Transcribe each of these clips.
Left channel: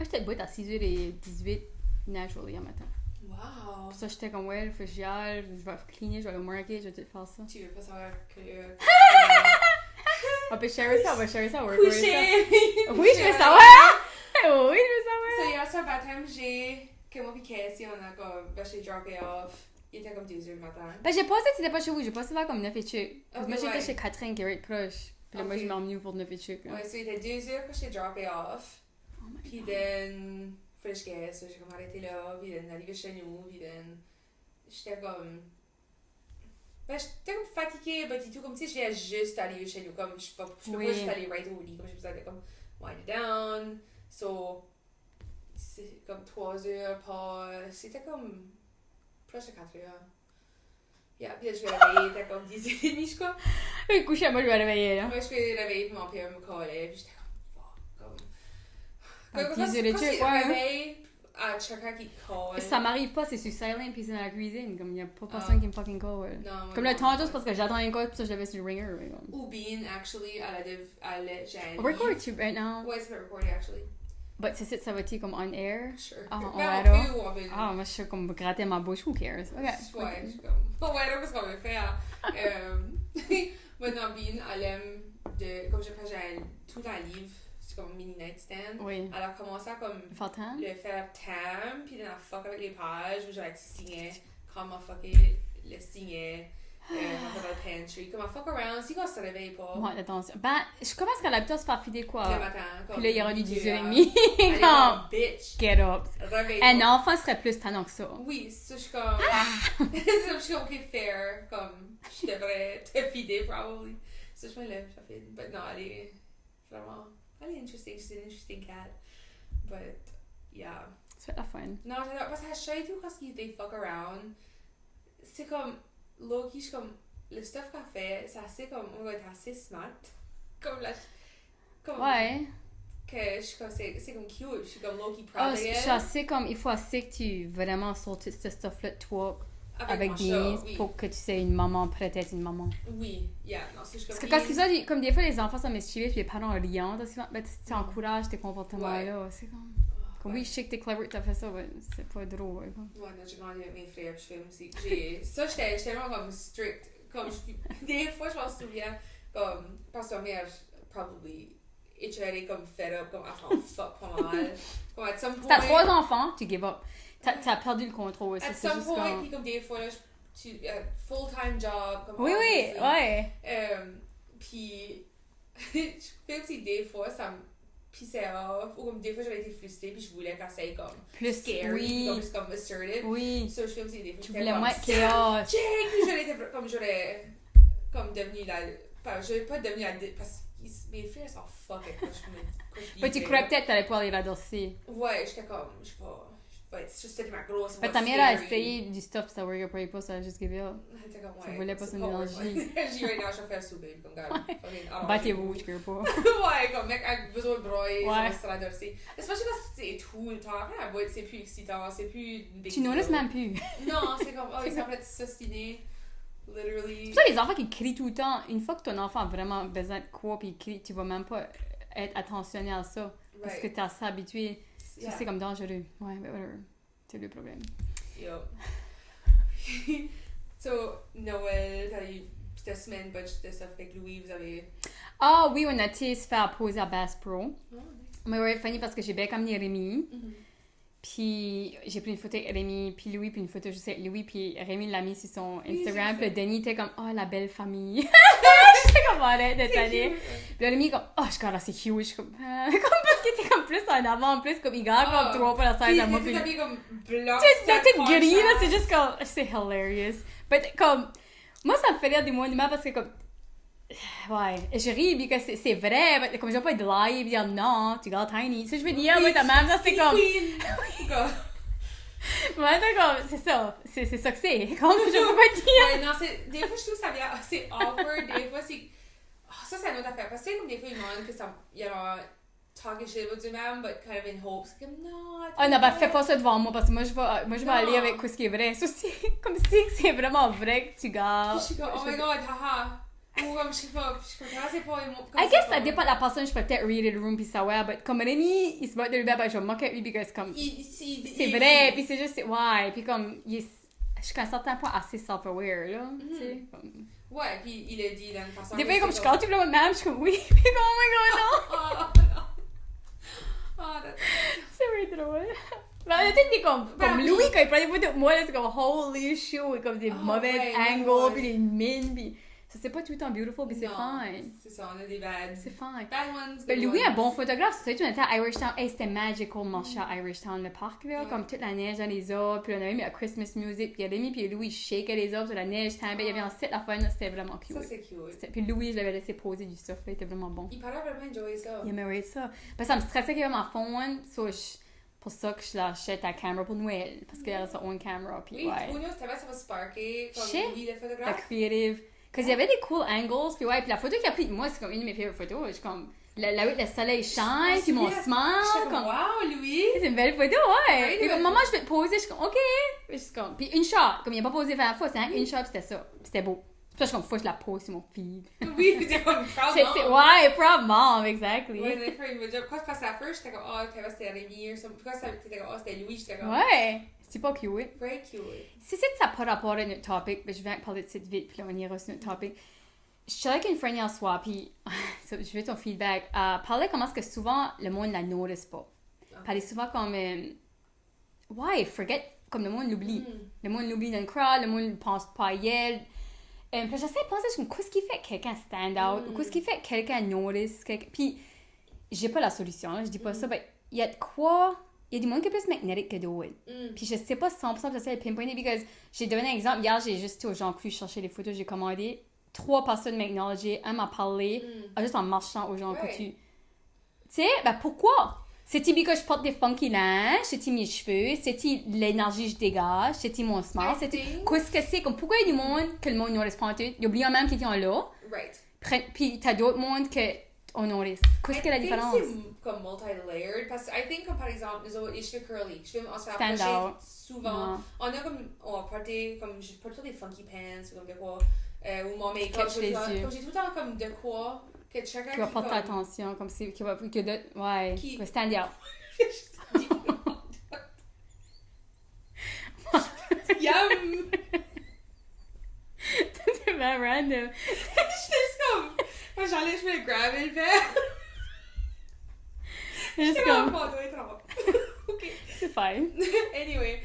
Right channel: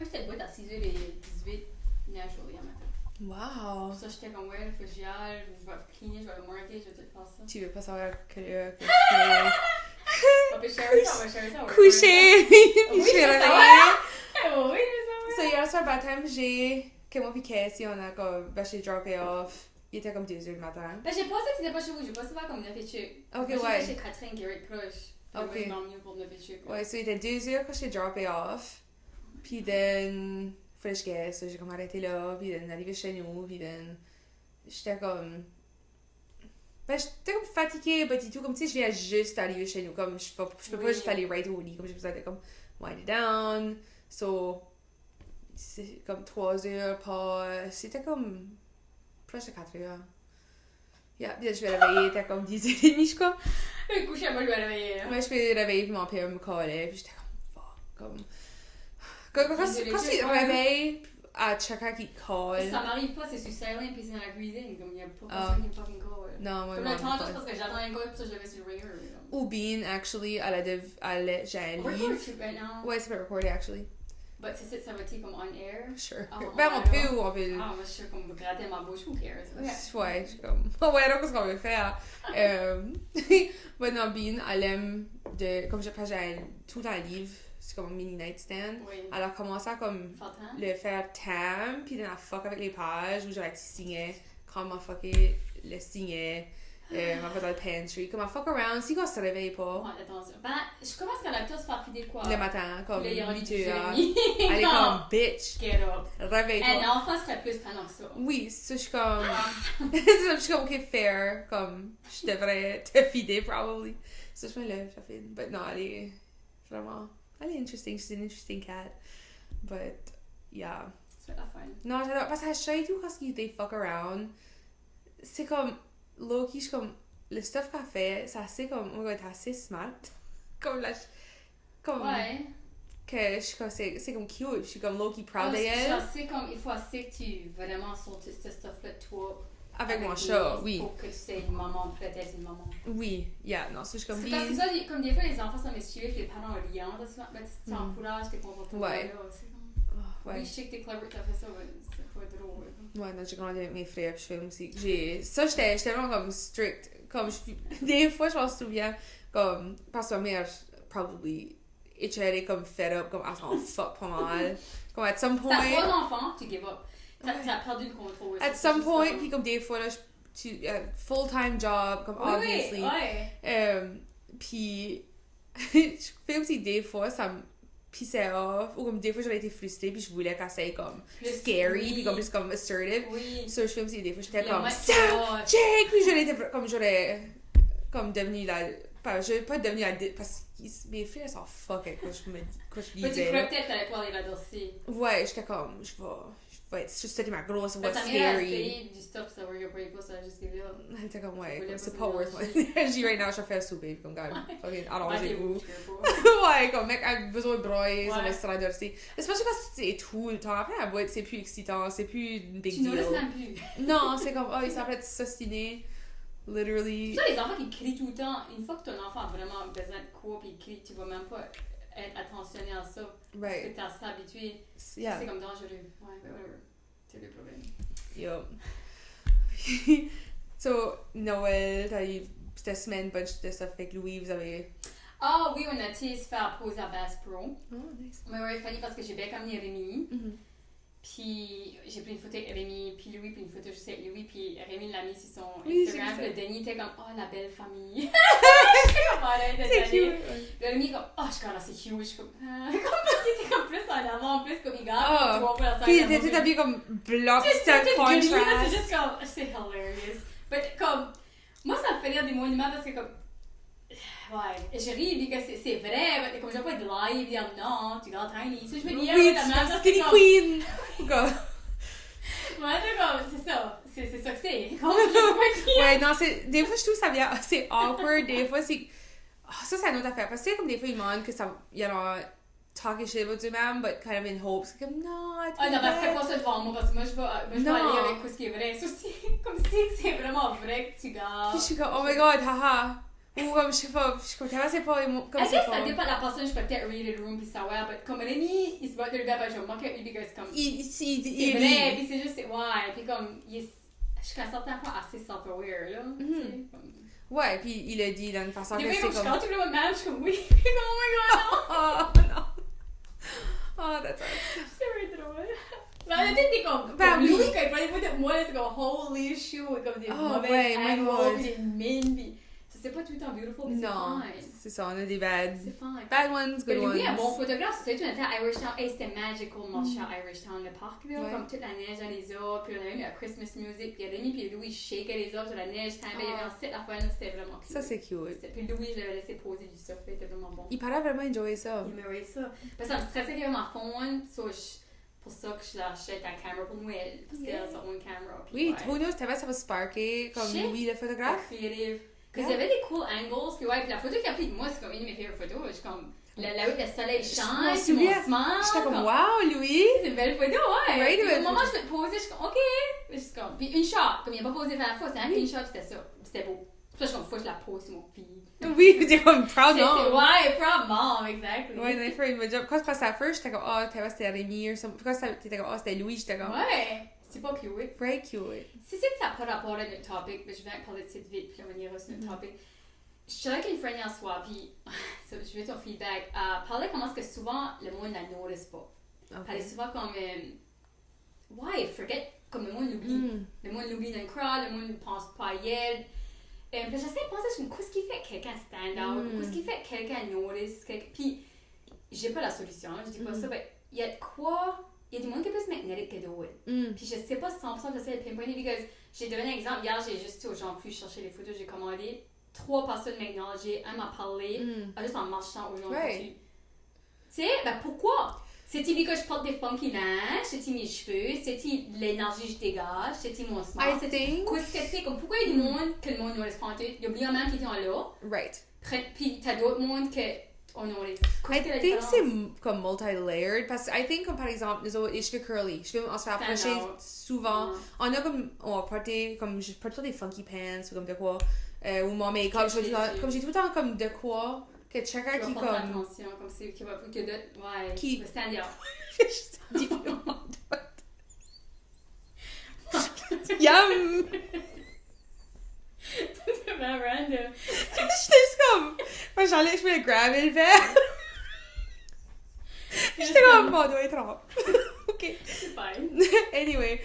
J'étais debout à 6h18, il neige aujourd'hui un matin. Wow! Pour ça, j'étais comme, ouais, je j'y aille, je vais cleaner, je vais le marquer, je vais tout faire ça. Tu veux pas savoir que... On peut share ça, on va share ça. Coucher! Oui, je veux savoir! Oui, je veux savoir! So, hier soir, baptême, que moi pis Casey, on a comme... Ben, j'ai droppé off. Il était comme 2h du matin. Ben, j'ai pensé que t'étais pas chez vous, j'ai passé vers comme 9 et chuc. Ok, Moi, ouais. j'étais chez Catherine qui est proche. Puis moi, Ok. je m'en mieux pour 9 et chuc. Ouais, so, il était 2h quand j'ai droppé off. Puis, then... Fallait que je guesse, j'ai comme arrêté là. Puis, then, arrivé chez nous. Puis, then... J'étais comme... Ben, j'étais comme fatiguée, but tout, comme tu sais, je viens juste d'arriver chez nous, comme je peux pas juste aller right au lit, comme j'ai besoin de comme wind it down, so c'est comme 3 heures, pas, c'était comme proche de 4 heures. Yeah, puis là, je vais réveiller, c'était comme 10h30, je crois. Coucher, moi, je vais réveiller. Ouais, je vais réveiller, puis mon père me collait, puis j'étais comme fuck, comme... Quand c'est réveil, à chacun qui colle. Ça m'arrive pas, c'est sur silent puis c'est dans la cuisine. Comme il y a pas personne qui me fucking call. Non, comme le tantôt, c'est parce que j'attends une call puis ça j'avais sur ringer. Ou Bean, actually, j'ai We're recording right now. Ouais, c'est pas recordé, actually. But c'est ça va être comme on air. Sure. Ah, on peut. Ah, moi je suis comme gratter ma bouche, who cares? Ouais, je suis comme. Oh, ouais, donc, qu'est-ce qu'on veut faire? Mais non, Bean, elle aime de. Comme j'ai tout dans le livre. C'est comme un mini nightstand. Oui. Elle a commencé à comme le faire tam, puis elle a fuck avec les pages, où j'aurais signé, comment fucker le signer, dans le pantry, comment fuck around, si quand ça se réveille pas. Ouais, attention. Ben, je commence à l'habitude de se faire filer quoi. Le matin, comme. Là, il y aura du 10h30. Elle est comme bitch. Get up. Réveille Un pas. enfant serait plus tannant que ça. Oui, ça, je suis comme. Je suis comme, ok, fair, comme, je devrais te fider, probably. Ça, je me lève, je fide. But non, elle est vraiment. Elle est interesting, she's an interesting cat. But, yeah. C'est la fun. Non, j'adore. Parce que je sais tout quand they fuck around. C'est comme, Loki, je suis comme, le stuff qu'elle fait, c'est assez comme, on va être assez smart. Comme la. Comme. Ouais. Que je suis comme, c'est comme cute. Je suis comme Loki Ah, proud je suis assez comme, il faut assez que tu vraiment sortes ce stuff-là de toi. avec mon des chat, nièces oui. pour que tu sais une maman prête à être une maman. Oui, yeah, non, c'est juste comme. Parce que quand c'est ça, comme des fois les enfants sont mischieveux puis les parents riant, ben, tu encourages tes comportements-là. C'est comme, oui, je sais que t'es clever que t'as fait ça, mais c'est pas drôle. Ouais, non, j'ai grandi avec mes frères, je fais aussi. Ça, j'étais vraiment comme strict. Comme, des fois, je m'en souviens, comme, parce que ma mère, probably, était comme fed up, comme, elle s'en fuck pas mal. Comme, at some point. T'as 3 enfants, tu give up. T'as perdu le contrôle. At some point, puis comme des fois, là, full-time job, comme, oui, obviously. Oui, ouais. Puis, je fais aussi des fois, ça me pissait off, ou comme des fois, j'avais été frustrée, puis je voulais qu'elle soit comme plus scary, oui. puis comme plus comme assertive. Oui. So, je fais aussi des fois, j'étais comme, check! Puis j'aurais comme devenu la. Je vais pas devenir la. Parce que mes frères sont fucking quand je Mais tu crois peut-être que t'allais pouvoir les adosser. Ouais, j'étais comme, je vais être juste ma grosse. Mais ta mère a essayé du stuff, ça work pas, ça a juste give up. Elle était comme, ouais. Tu voulais pas c'est se mélanger. J'ai right now, je vais faire souper, comme, gars. Battez rouge, je pas. Ouais, comme, mec, elle a besoin de broyer, ça Ouais. va se l'adosser. Especially quand c'est tout le temps. Après, la boîte, c'est plus excitant, c'est plus une big Tu deal. nous laisses même plus. Non, c'est comme, oh, ça va être s'ostiner. Literally. C'est ça, les enfants qui crient tout le temps, une fois que ton enfant a vraiment besoin de quoi, puis il crie, tu vas même pas être attentionné à ça. Parce que t'es assez habitué. Yeah. C'est comme dangereux. Ouais, ben whatever. C'est le problème. Yo. So, Noël, t'as eu cette semaine, bunch de stuff avec Louis, vous avez. Ah oui, on a été se faire poser à Bass Pro. Oh, nice. Mais ouais, funny parce que j'ai bien amené Rémi. Mm-hmm. Puis j'ai pris une photo avec Rémi, puis Louis, puis une photo juste avec Louis, puis Rémi l'a mis sur son Instagram, puis Denis était comme, oh la belle famille. J'étais comme, arrête de t'aller. Puis là, Rémi est comme, oh je suis comme, c'est cute. Je suis comme, comme parce qu'il était comme plus en avant, plus comme il garde comme trois fois la Puis scène. t'es habillé comme bloc, c'est gris, là, c'est juste comme, c'est hilarious. Mais comme, moi ça me fait rire des monuments parce que comme, ouais, je ris parce que c'est vrai, mais comme je vais pas être live, dire non, tu gardes tiny. Ça, je veux dire, oui, ta mère, c'est comme. Queen! Ouais, c'est ça. C'est ça que c'est. Quand même, je veux pas dire. Ouais, non, c'est. Des fois, je trouve que ça vient. C'est awkward, des fois, c'est. Oh, ça, c'est une autre affaire. Parce que, comme des fois, ils demandent que ça. You know, talking shit about them, but kind of in hopes. Comme, non, ah non, ben fais pas ça devant moi parce que moi, je vais aller avec ce qui est vrai. Ça, c'est comme si c'est vraiment vrai que tu gardes. Puis je suis comme, oh my god, haha. Ou comme, je sais pas, c'est pas... I guess ça dépend de la personne, je peux peut-être read the room puis savoir, mais comme Rémi, il se bat de lui, je vais mock at lui, parce que comme... C'est vrai, puis c'est juste, ouais, puis comme, il est jusqu'à un certain point assez self-aware, là, tu sais, comme... Ouais, puis il a dit d'une façon... Des fois, comme je quand tu le même, je suis comme, oui, puis comme, oh my god, non! Oh, that's... C'est vrai drôle. Mais en fait, t'es comme Louis, quand il prend des photos de moi, c'est comme holy shit, comme des mauvais angles, puis des mines, puis ça c'est pas tout le temps beautiful, mais c'est fine. C'est ça, on a des bads. C'est fine. Bad ones, good Mais Louis ones. est un bon photographe, c'est ça, tu étais à Irish Town, hey, c'était magical, marcher à Irish Town, le parc, là, comme toute la neige dans les arbres, puis on avait mis la Christmas music, puis Rémi puis Louis shakeaient les arbres sur la neige, il y avait un set à faire, c'était vraiment cute. Ça c'est cute. Puis Louis, je l'avais laissé poser du stuff, il était vraiment bon. Il paraît vraiment enjoyer ça. Il aimerait ça. Parce que ça me stressait qu'il y avait ma phone, pour ça que je l'achète à caméra pour Noël, parce qu'elle a sa own camera. Oui, who knows, peut-être ça va sparker comme lui le La photographe. creative. Parce qu'il y avait des cool angles, puis ouais, puis la photo qu'il a prise de moi, c'est comme une de mes favorite photos. Je suis comme, le soleil shine, puis mon smile. Je suis comme, wow, Louis! C'est une belle photo, ouais. Oui, Puis oui. maman, je vais te poser, je suis comme, ok. Je suis comme, puis une shot, comme il n'a pas posé vers la fois, c'était une shot, c'était ça. C'était beau. Puis là, je suis comme, faut que je la pose sur mon feed. Oui, t'es comme proud mom. Ouais, proud mom, exactly. Ouais, j'ai fait une job. Quand je passais à la first, j'étais comme, oh, c'était Rémi ou something. Quand t'étais comme, oh, c'était Louis, j'étais comme, Ouais, c'est pas cute. very cute. Si c'est que ça n'a pas rapport à notre topic, mais je vais parler de ça vite, puis là, on ira sur notre topic. Je suis avec une friend hier soir, puis je veux ton feedback. Parler comment est-ce que souvent le monde la notice pas. Parler souvent comme, forget, comme le monde l'oublie. Le monde l'oublie dans le crowd, le monde ne pense pas à elle. Puis j'essaie de penser, qu'est-ce qui fait que quelqu'un stand out, ou qu'est-ce qui fait que quelqu'un notice, puis j'ai pas la solution, je dis pas ça, mais il y a de quoi, il y a du monde qui est plus magnétique que d'autres. Puis je sais pas 100%, j'essaie de pinpointer, parce que j'ai donné un exemple, hier j'ai juste été au Jean Cru chercher les photos, j'ai commandé, 3 personnes m'acknowledger, un m'a parlé, juste en marchant au Jean Cru. Tu sais, ben pourquoi? C'est-il que je porte des funky linges, c'est-il mes cheveux, c'est-il l'énergie que je dégage, c'est-il mon smile, qu'est-ce que c'est, comme pourquoi il y a du monde que le monde ne reste pas en tout, il oublie même qu'ils étaient là, puis t'as d'autres mondes que on notice. Qu'est-ce que la différence? Je pense que c'est comme multi-layered, parce que I think comme par exemple, nous autres, les cheveux curly, on se fait approcher souvent, on a comme, on va porter, comme je porte toujours des funky pants, ou comme de quoi, ou mon make-up, comme j'ai tout le temps comme de quoi, que chacun qui va qui porter comme... attention, comme c'est, qui va, que d'autres, ouais, qui va stand out. Yum! C'est vraiment random. J'étais juste comme... Moi, j'enlève, je fais le grab et le verre. J'étais comme, bon, on doit être en OK. C'est fine. Anyway,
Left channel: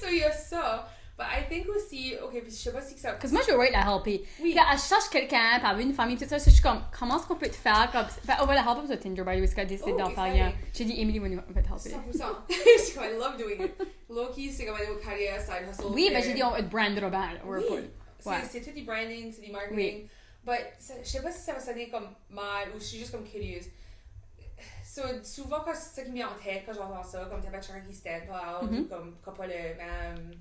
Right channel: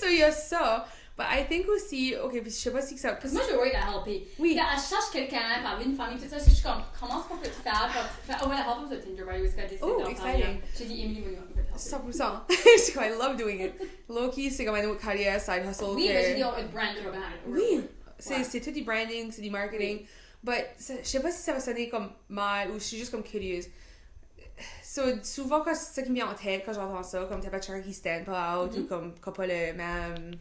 so il y a ça. But I think aussi, OK, puis je sais pas si que ça... Parce que moi, je veux la helper. Oui. Là, elle cherche quelqu'un, par une famille, tout ça, je suis comme, comment est-ce qu'on peut te faire comme... On va la helper sur Tinder, by the way, parce qu'elle décide d'en faire rien. J'ai dit, Emily, on va te helper. 100%. Parce que I love doing it. Low-key, c'est comme un autre carrière, side hustle. Oui, mais j'ai dit, on va te brander au band. Oui. C'est tout du branding, c'est du marketing. But je sais pas si ça va sonner comme mal ou je suis juste comme curieuse. So, souvent, quand c'est ça qui me vient en tête quand j'entends ça, comme t'as pas de char qui stand pas out ou comme quand pas le même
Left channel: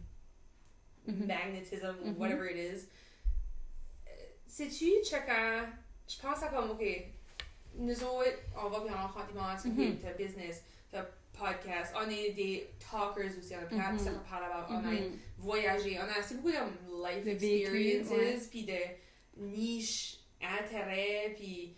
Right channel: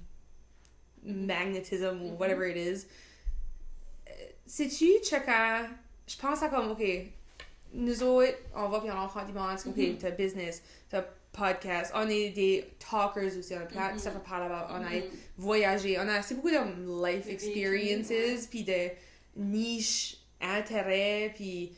magnétisme ou whatever it is. Sais-tu, checker, je pense à comme, OK, nous autres, on va puis on rencontre des gens, OK, t'as business, t'as podcast, on est des talkers aussi, on a plein de stuff à parler about, on a voyagé, on a assez beaucoup de life experiences, puis de niches, intérêts, puis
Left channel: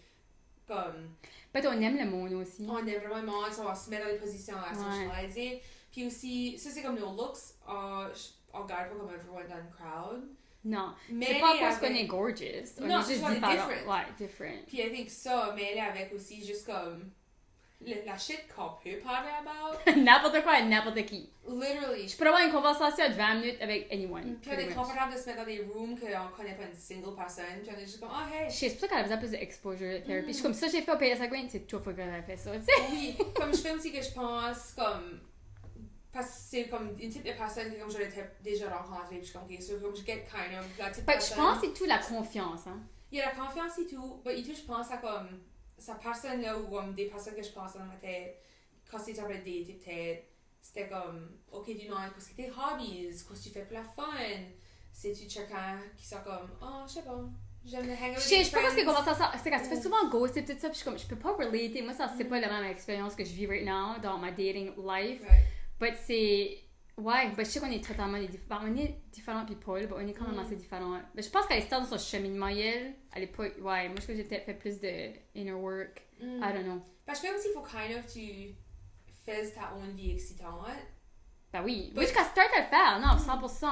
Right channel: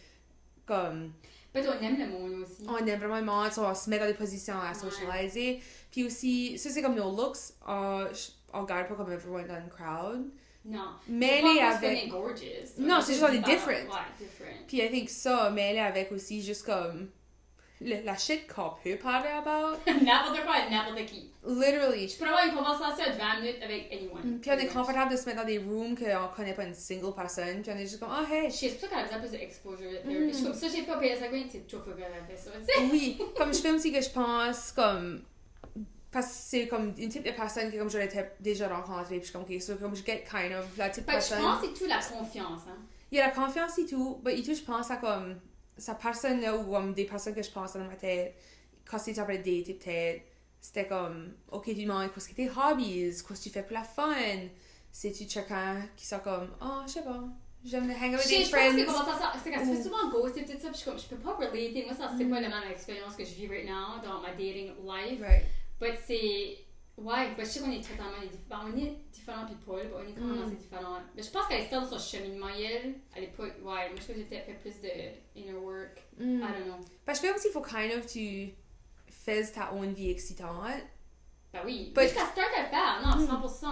comme... Peut-être on aime le monde aussi. On aime vraiment le monde, on se met dans des positions à socialiser. Puis aussi, ça c'est comme nos looks, on garde pas comme everyone dans le crowd. Non. Mais c'est pas parce qu'on est gorgeous. Non, c'est juste on est different. Ouais, different. Puis I think ça, mêlé avec aussi juste comme la shit qu'on peut parler about. N'importe quoi et n'importe qui. Literally. Je peux avoir une conversation de 20 minutes avec anyone. Puis on est confortable de se mettre dans des rooms qu'on connaît pas une single personne. Puis on est juste comme, oh hey. C'est pour ça qu'elle a besoin plus d'exposure therapy. Je suis comme ça, j'ai fait au PS5, c'est toujours faut que j'aurais fait ça, tu sais. Oui, comme je fais aussi que je pense comme. Parce que c'est comme une type de personne que comme j'aurais déjà rencontrée. Puis je suis comme, ok, so comme je get kind of la type de personne. Je pense que c'est tout la confiance, hein. Il y a la confiance et tout, mais je pense à comme. Sa personne là, ou comme des personnes que je pense dans ma tête, quand c'était après des dates, peut-être, c'était comme, ok, tu demandes qu'est-ce que tes hobbies, qu'est-ce que tu fais pour la fun, c'est-tu quelqu'un qui sont comme, oh, je sais pas, j'aime hang out with des friends. Je pense que comment ça, c'est quand tu fais souvent ghost et tout ça, puis je peux pas relater, moi ça c'est pas vraiment l'expérience que je vis right now dans ma dating life, Right. but c'est, Ouais, ben, je sais qu'on est totalement différents. On est différents, puis Paul, ben, on est quand même assez différents. Mais je pense qu'elle est dans son cheminement, elle est pas. Ouais, moi, je pense que j'ai peut-être fait plus de inner work. I don't know. Parce que je fais aussi, il faut kind of tu fais ta own vie excitante. Ben oui. Moi, jusqu'à start à le faire, non, 100%.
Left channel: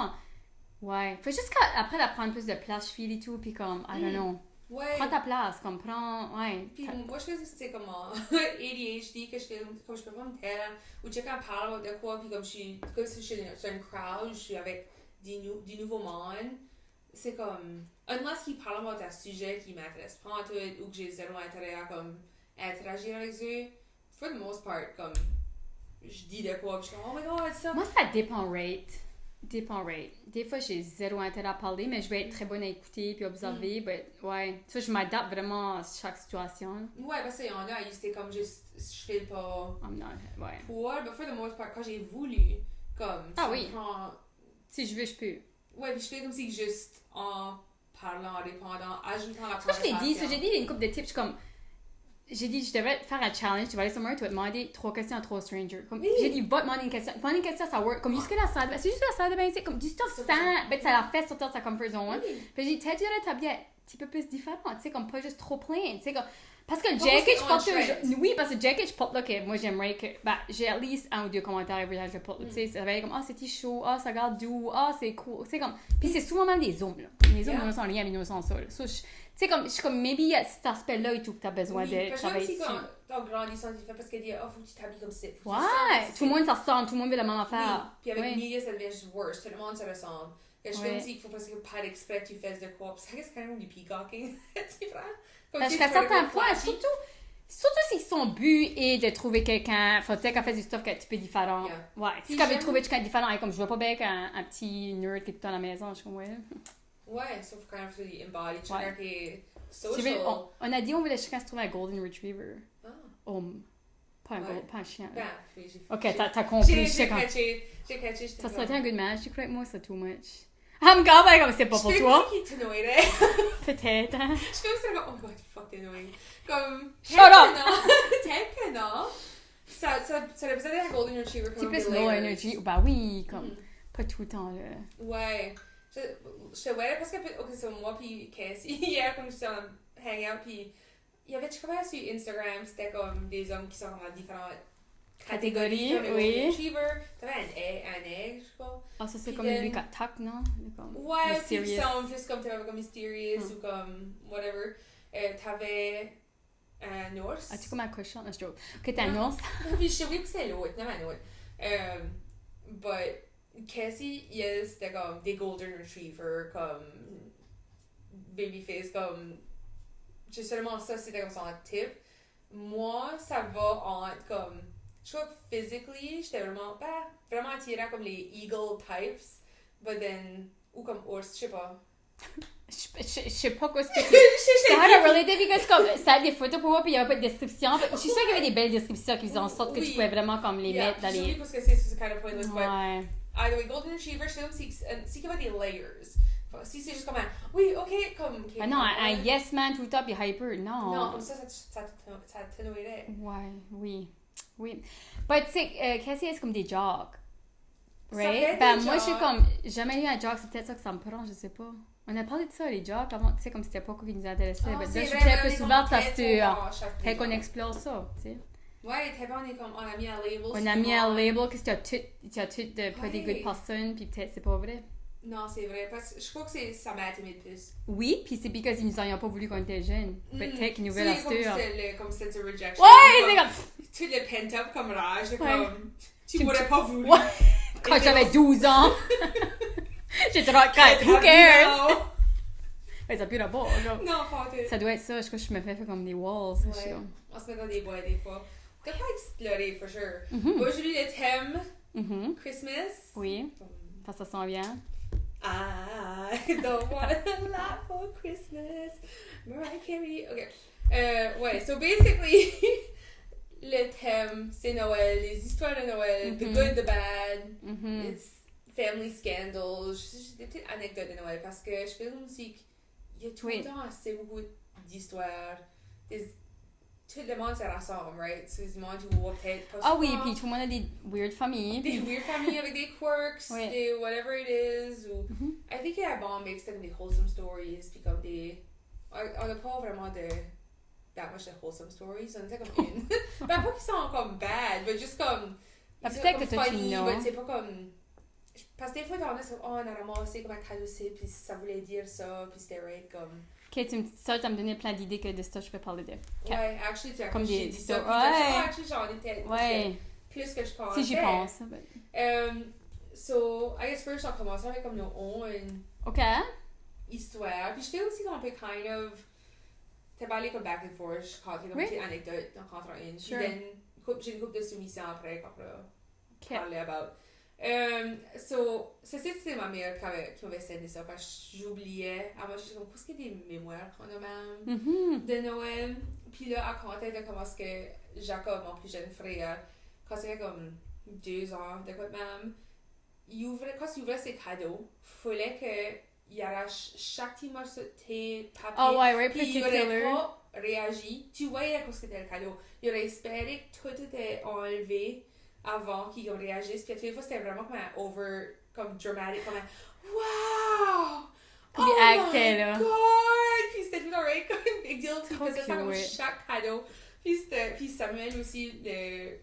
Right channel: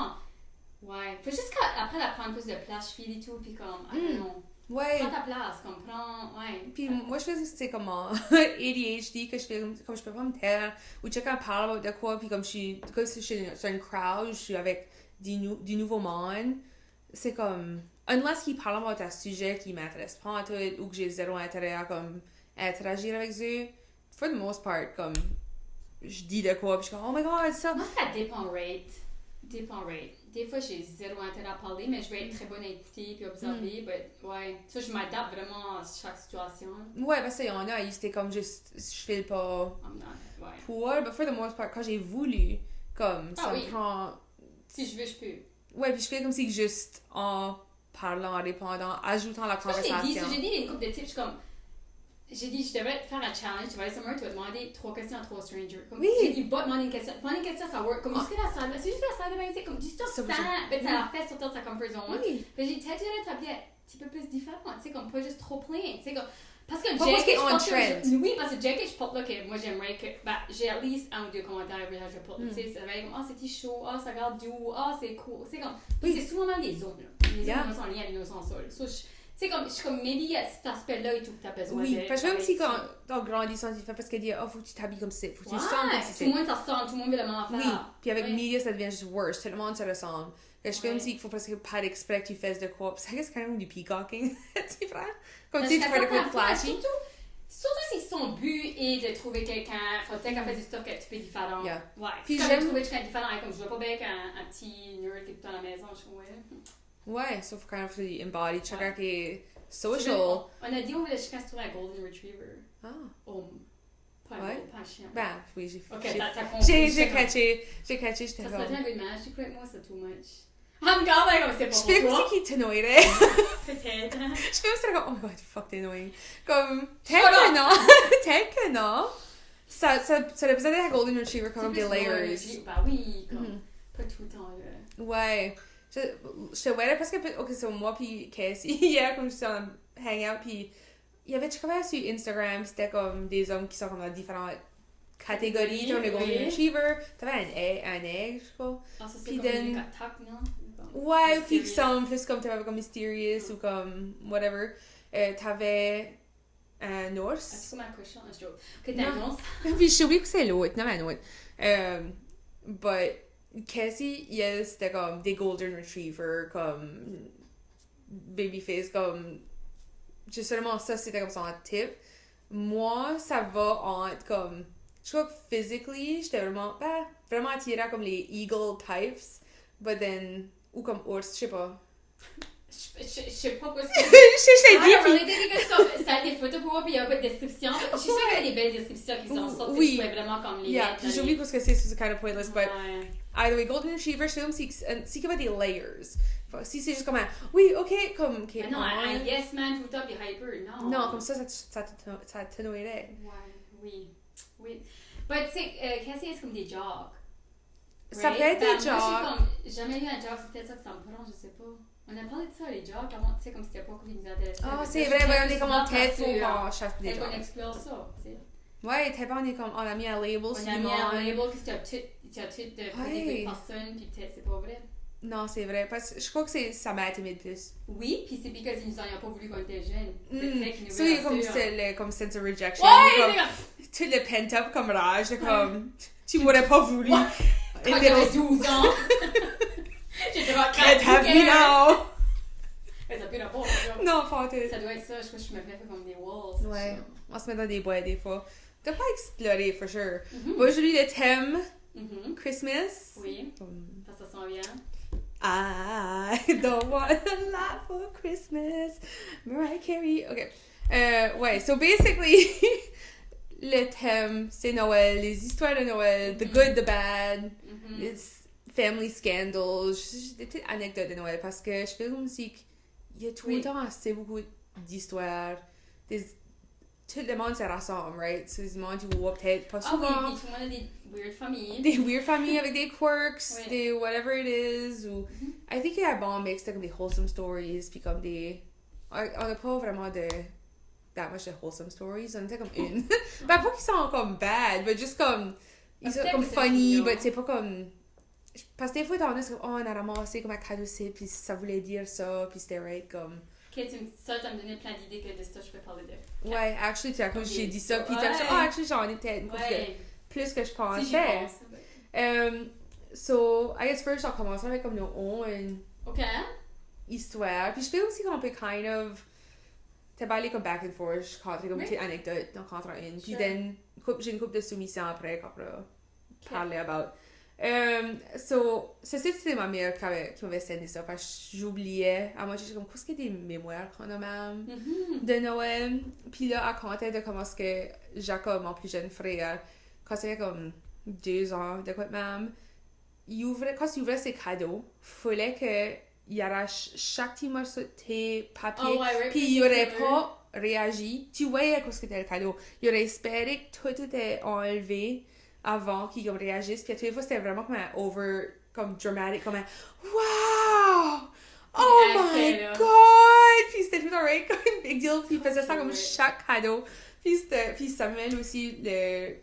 Ouais. Faut juste qu'après d'apprendre plus de place, je file et tout, puis comme, I don't know. Ouais. Prends ta place, comme, prends. Ouais. Puis moi, je fais c'est comme en ADHD, que je fais comme je peux pas me taire, ou tu sais, quand on parle de quoi, puis comme si je suis sur une crowd, je suis avec du nouveau monde, c'est comme, unless qu'ils parlent d'un sujet qui m'intéresse pas en tout, ou que j'ai zéro intérêt à comme interagir avec eux, for the most part, comme, je dis de quoi, puis je suis comme, oh my god, ça. Moi, ça dépend rate. Des fois, j'ai zéro intérêt à parler, mais je vais être très bonne à écouter puis observer. But, ouais, ça, je m'adapte vraiment à chaque situation. Ouais, parce qu'il y en a, c'était comme juste, je fais pas I'm not, ouais. pour, but for the most part, quand j'ai voulu, comme, ça oui. prend. Si je veux, je peux. Ouais, puis je fais comme si juste en parlant, en répondant, ajoutant la conversation. J'ai dit une couple de tips, je suis comme. J'ai dit, je devais faire un challenge, tu vas aller somewhere, tu vas demander 3 questions à 3 strangers. Comme, oui. J'ai dit, va demander une question. Demander une question, ça work. Comme, jusqu'à la salle, c'est juste la salle de bain, c'est comme, du temps sans, ben, ça la fait sortir de sa comfort zone. Oui. Puis j'ai dit, t'as déjà l'établi un petit peu plus différent, tu sais, comme pas juste trop plein, tu sais, comme. Parce que Jack, je pense que. Oui, parce que Jack, je porte, ok, moi j'aimerais que. Bah, j'ai at least un ou deux commentaires every time je porte, tu sais, ça va être comme, c'était chaud, ça regarde doux, c'est cool, c'est comme. Puis c'est souvent dans les zones, là. Les zones, sont liées à mes sans sol. Tu sais, comme, je suis comme, maybe il y a cet aspect-là et tout que tu as besoin de. Oui, parce que même si quand grandissant, tu fais parce qu'elle dit, faut que tu t'habilles comme c'est. Faut que tu tout le monde s'en ressemble, tout le monde veut la même affaire. Oui, puis avec les médias, ça devient juste worse, tout le monde se ressemble. Je fais aussi qu'il faut parce que pas d'exprès que tu fasses de quoi. Ça c'est quand même du peacocking, tu vois? Comme tu fais de quoi surtout si son but est de trouver quelqu'un, faut peut-être qu'elle fasse du stuff un petit peu différent. Yeah. Ouais, si elle veut trouver quelqu'un différent, comme je vois pas bien qu'un petit nerd qui est tout à la maison, je suis comme, ouais. Ouais, sauf quand même, faut embody, chacun qui est social. On a dit on voulait chacun se trouver un golden retriever. Ah. Pas un chien. Ben, oui, j'ai ok, t'as compris. J'ai catché. Ça serait un good match, je crois que moi c'est too much. I'm quand même comme c'est pas pour toi. Je fais aussi qui t'annoyerait. Peut-être. Je fais aussi comme, oh my god, fuck, t'es annoying. Comme, peut-être que non. Ça représente un golden retriever comme des layers. Bah oui, comme, pas tout le temps là. Ouais. Je te voyais parce que, ok, c'est moi puis Cassie, hier, comme j'étais en hangout, puis il y avait, tu connais sur Instagram, c'était comme des hommes qui sont comme dans différentes catégories, genre les golden retriever, t'avais un egg, je crois. Ah, ça c'est comme les tac, non? Ouais, puis qui sont plus comme, t'avais comme mysterious ou comme whatever. T'avais un ours. Ah, tu comme un cochon, je joke. Ok, t'as un ours. Puis je sais que c'est l'autre, non, un autre. But Cassie, yes, c'était comme des golden retriever, comme babyface, comme justement ça c'était comme son type. Moi, ça va entre comme, je crois que physically, j'étais vraiment attirée comme les eagle types, but then, ou comme ours, je sais pas. Je sais pas quoi c'est. Je ça a des photos pour moi, puis il y a pas de description. Je suis sûre qu'il y a des belles descriptions qui sont sorties, que je pouvais vraiment comme les mettre. Puis j'oublie parce que c'est kind of pointless, but either way, golden retriever, je sais même si qu'il y a des layers. Si c'est juste comme un, oui, ok, comme... Okay, non, un yes man tout le temps, puis hyper, non. Non, comme ça t'annoyerait. Ouais, oui. But tu sais, Cassie, c'est comme des jogs. Right? Ça fait ben, des moi, jogs. je suis comme, jamais eu un jog, c'est peut-être ça que ça me prend, je sais pas. On a parlé de ça, les jogs, avant, tu sais, comme c'était pas quoi qui nous intéressait. Ah, c'est vrai, on est comme peut-être qu'on explore ça, tu sais. Ouais, t'es pas, on a mis un label. On a mis un label, que tu as tout de pretty good person, puis peut-être c'est pas vrai. Non, c'est vrai, parce que je crois que ça m'a intimidé plus. Oui, puis c'est parce qu'ils nous ont pas voulu qu'on était jeunes. Peut-être qu'ils nous veulent c'est comme sense of rejection. Ouais, c'est comme... Tu le pent-up comme rage, comme... Tu m'aurais pas voulu. Quand j'avais 12 ans. J'étais rentrée, who cares? Mais ça pue la porte. Non, pas ça doit être ça, je crois que je me fais comme des walls. Ouais, on se met dans des boîtes des fois. T'as pas exploré, for sure. Moi, j'ai lu le thème Christmas. Oui, parce que ça s'en vient. I don't want a lot for Christmas. Mariah Carey. Ok. Ouais, so basically, le thème, c'est Noël, les histoires de Noël, the good, the bad, les family scandals, des petites anecdotes de Noël, parce que je fais aussi qu'il y a tout le temps assez beaucoup d'histoires, tout le monde se rassemble, right? C'est du monde qui voit peut-être pas Ah souvent. oui, puis tout le monde a des weird familles. Des weird familles avec des quirks, Ouais. des whatever it is. Ou... Mhm. I think il y a un bon mix de comme des wholesome stories, puis comme des... On n'a pas vraiment de... that much de wholesome stories. On était comme une. Ben, pas qu'ils sont comme bad, mais juste comme... Ils sont Peut-être comme que t'as funny, dit non. mais c'est pas comme... Parce que des fois, t'en as comme, oh, on a ramassé comme un cadeau, puis ça voulait dire ça, puis c'était right, comme... Ok, ça me donnait plein d'idées que de ça, je peux parler de. Ouais, actually, tu as Comme j'ai des- dit ça, puis ouais. t'as dit, oh, actually, j'en ai peut-être Ouais, plus que je pensais. si j'y pense. So, I guess first, j'ai commencé avec comme nos own Ok. histoire. Puis je fais aussi qu'on peut kind of... T'as parlé comme back and forth, je comptais comme Oui. une petite anecdote dans contre une. Puis Sure. then, j'ai une couple de soumissions après qu'on va Ok. parler about. So, c'était ma mère qui m'avait sendé ça parce que j'oubliais. À moi, j'étais comme, qu'est-ce qu'il y a des mémoires qu'on a même Mhm. de Noël. Puis là, elle comptait de comment est-ce que Jacob, mon plus jeune frère, quand c'était comme 2 ans, de quoi même, quand il ouvrait ses cadeaux, fallait qu'il arrache chaque petit morceau de thé, papier, Ah ouais, ouais, puis il aurait pas réagi. Tu voyais ce que c'était le cadeau. Il aurait espéré que tout était enlevé avant qu'il réagisse. Puis à toutes les fois, c'était vraiment comme un comme dramatic, comme un wow! Puis Oh il my actait, là. god! Puis c'était tout alright, comme une big deal. Puis il faisait ça comme cute. chaque cadeau. Puis Samuel aussi,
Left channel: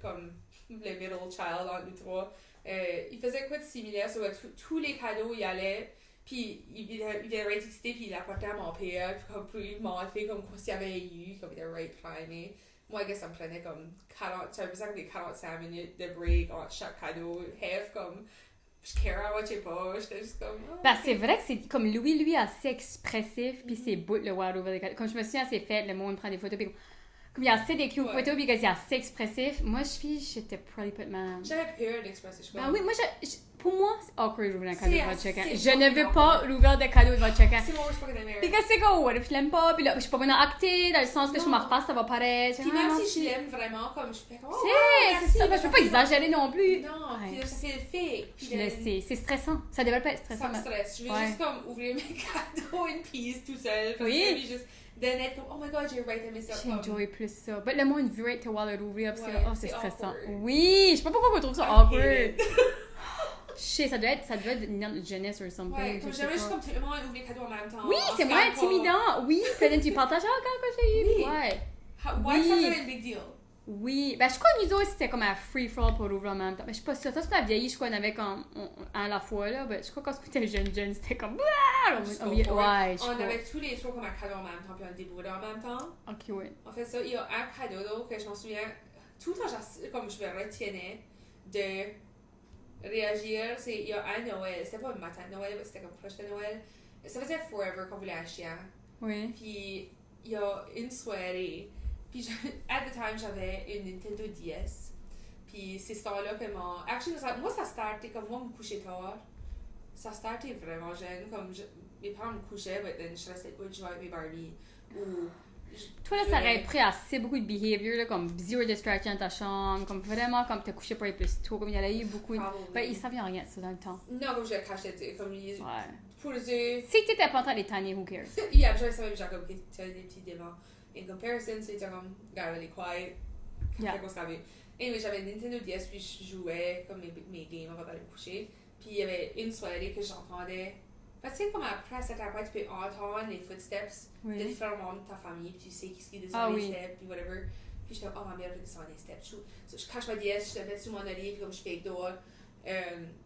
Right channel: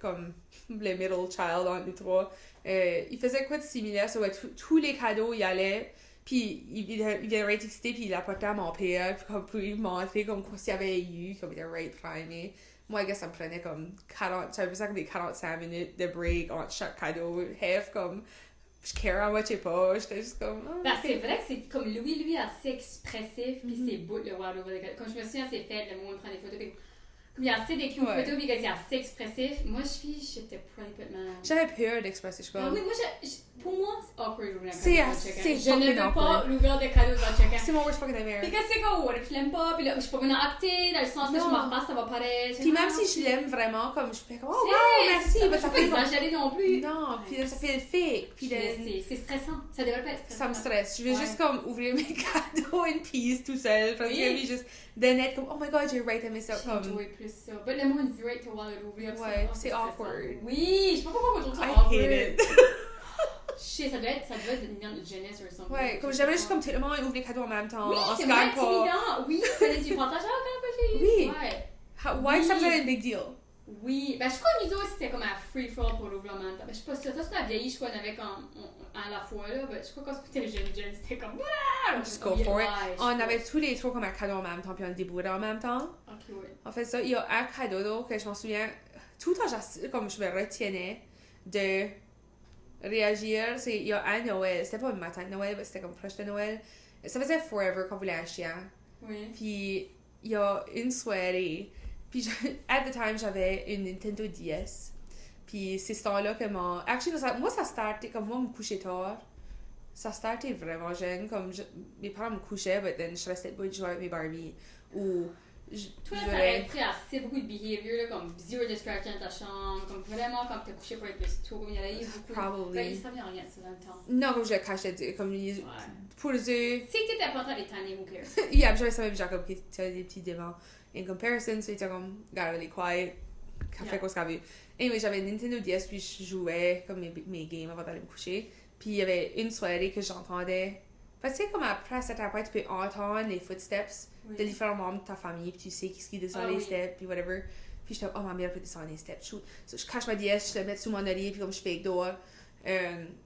comme le middle child entre nous trois, il faisait quoi de similaire? So, tous les cadeaux, il allait. Puis il était right excité, puis il apportait à mon père, puis comme pour lui montrer comme quoi s'il y avait eu, comme il était right primé. Moi, I guess ça me prenait comme 40, ça faisait comme des 45 minutes de break entre chaque cadeau, half comme, je care, je sais pas, j'étais juste comme... Oh, Ben, c'est vrai que c'est comme lui assez expressif, puis c'est beau le voir over the cadeau. Comme je me souviens, c'est fait, le monde prend des photos, puis comme il y a assez d'écrit aux photos, puis qu'il est assez expressif. Moi, j'étais probably put man. J'avais peur d'expresser, je crois. Ah oui, moi, pour moi, c'est awkward d'ouvrir un C'est cadeau de assez votre chacun. Je fucking ne veux pas awkward. l'ouvrir de cadeau de votre chacun. C'est mon worst fucking nightmare. Puis qu'est-ce que c'est comme, what if je l'aime pas, puis là, je suis pas bonne à acter, dans le sens que je Non. m'en repasse, ça va paraître. Puis même si je l'aime vraiment, comme je fais comme, oh, C'est, wow, merci, ça, mais je ça peux pas fait- exagérer non plus. Non, puis là, ça fait le fake. Puis Je le là, sais, c'est stressant. Ça devrait pas être ça me stressant. stresse. Je veux Ouais. juste comme ouvrir mes cadeaux in peace tout seul. Parce Oui. que lui, juste de net comme, oh my god, j'ai right aimé ça. J'ai Comme, enjoyé plus ça. Mais le monde veut te voir le rouvrir, ça, Ouais, oh, c'est c'est stressant. awkward. Oui, je sais pas pourquoi on trouve ça I awkward. hate it. Je sais, ça devait être une de jeunesse ou something. Ouais, comme je sais j'aimerais pas. juste comme tout le monde ouvre les cadeaux en même temps. Oui, en c'est Skype, moins pas- intimidant. Oui, que tu partages, ah, quand j'ai eu. Oui. Ouais. Why is that Oui. such a big deal? Oui, ben je crois que nous autres c'était comme un free for all pour l'ouvrir en même temps. Mais je suis pas sûre. Ça, c'est la vieillie, je crois qu'on avait comme à la fois là. Ben, je crois quand c'était les jeunes, c'était comme. Just go for it. Ouais, On avait tous les trois comme un cadeau en même temps, puis on débrouillait en même temps. Ok, ouais. En fait, ça, il y a un cadeau là, que je m'en souviens, tout le temps, comme je me retiennais de réagir. Il y a un Noël, c'était pas le matin de Noël, mais c'était comme proche de Noël. Ça faisait forever qu'on voulait un chien. Oui. Puis il y a une soirée, puis at the time j'avais une Nintendo DS. Puis c'est ce temps-là que actually, moi ça startait comme moi me coucher tard. Ça startait vraiment jeune, comme mes parents me couchaient, mais then je restais pas de jouer avec mes Barbie. Ou Toi, là, ça aurait pris assez beaucoup de behavior, là, comme zero distraction dans ta chambre, comme vraiment comme t'as couché pour être plus tôt, comme il y en a eu beaucoup. Ben, il savait rien de ça dans le temps. Non, je cachais, comme les. Ouais. Pour les yeux. Si t'étais pas en train de tanner, who cares? Yeah, je savais Jacob qui était des petits démons. In comparison, so il était comme, regarde, elle est quiet. Café qu'on se avait. Anyway, j'avais une Nintendo DS, puis je jouais comme mes games avant d'aller me coucher. Puis il y avait une soirée que j'entendais. Parce que tu sais, comme après, à cette après, tu peux entendre les footsteps de différents membres de ta famille, puis tu sais qui qui descend les steps, puis whatever. Puis je suis comme, oh ma mère peut descendre les steps. So, je cache ma DS, je la mets sous mon oreiller, puis comme je fais dehors.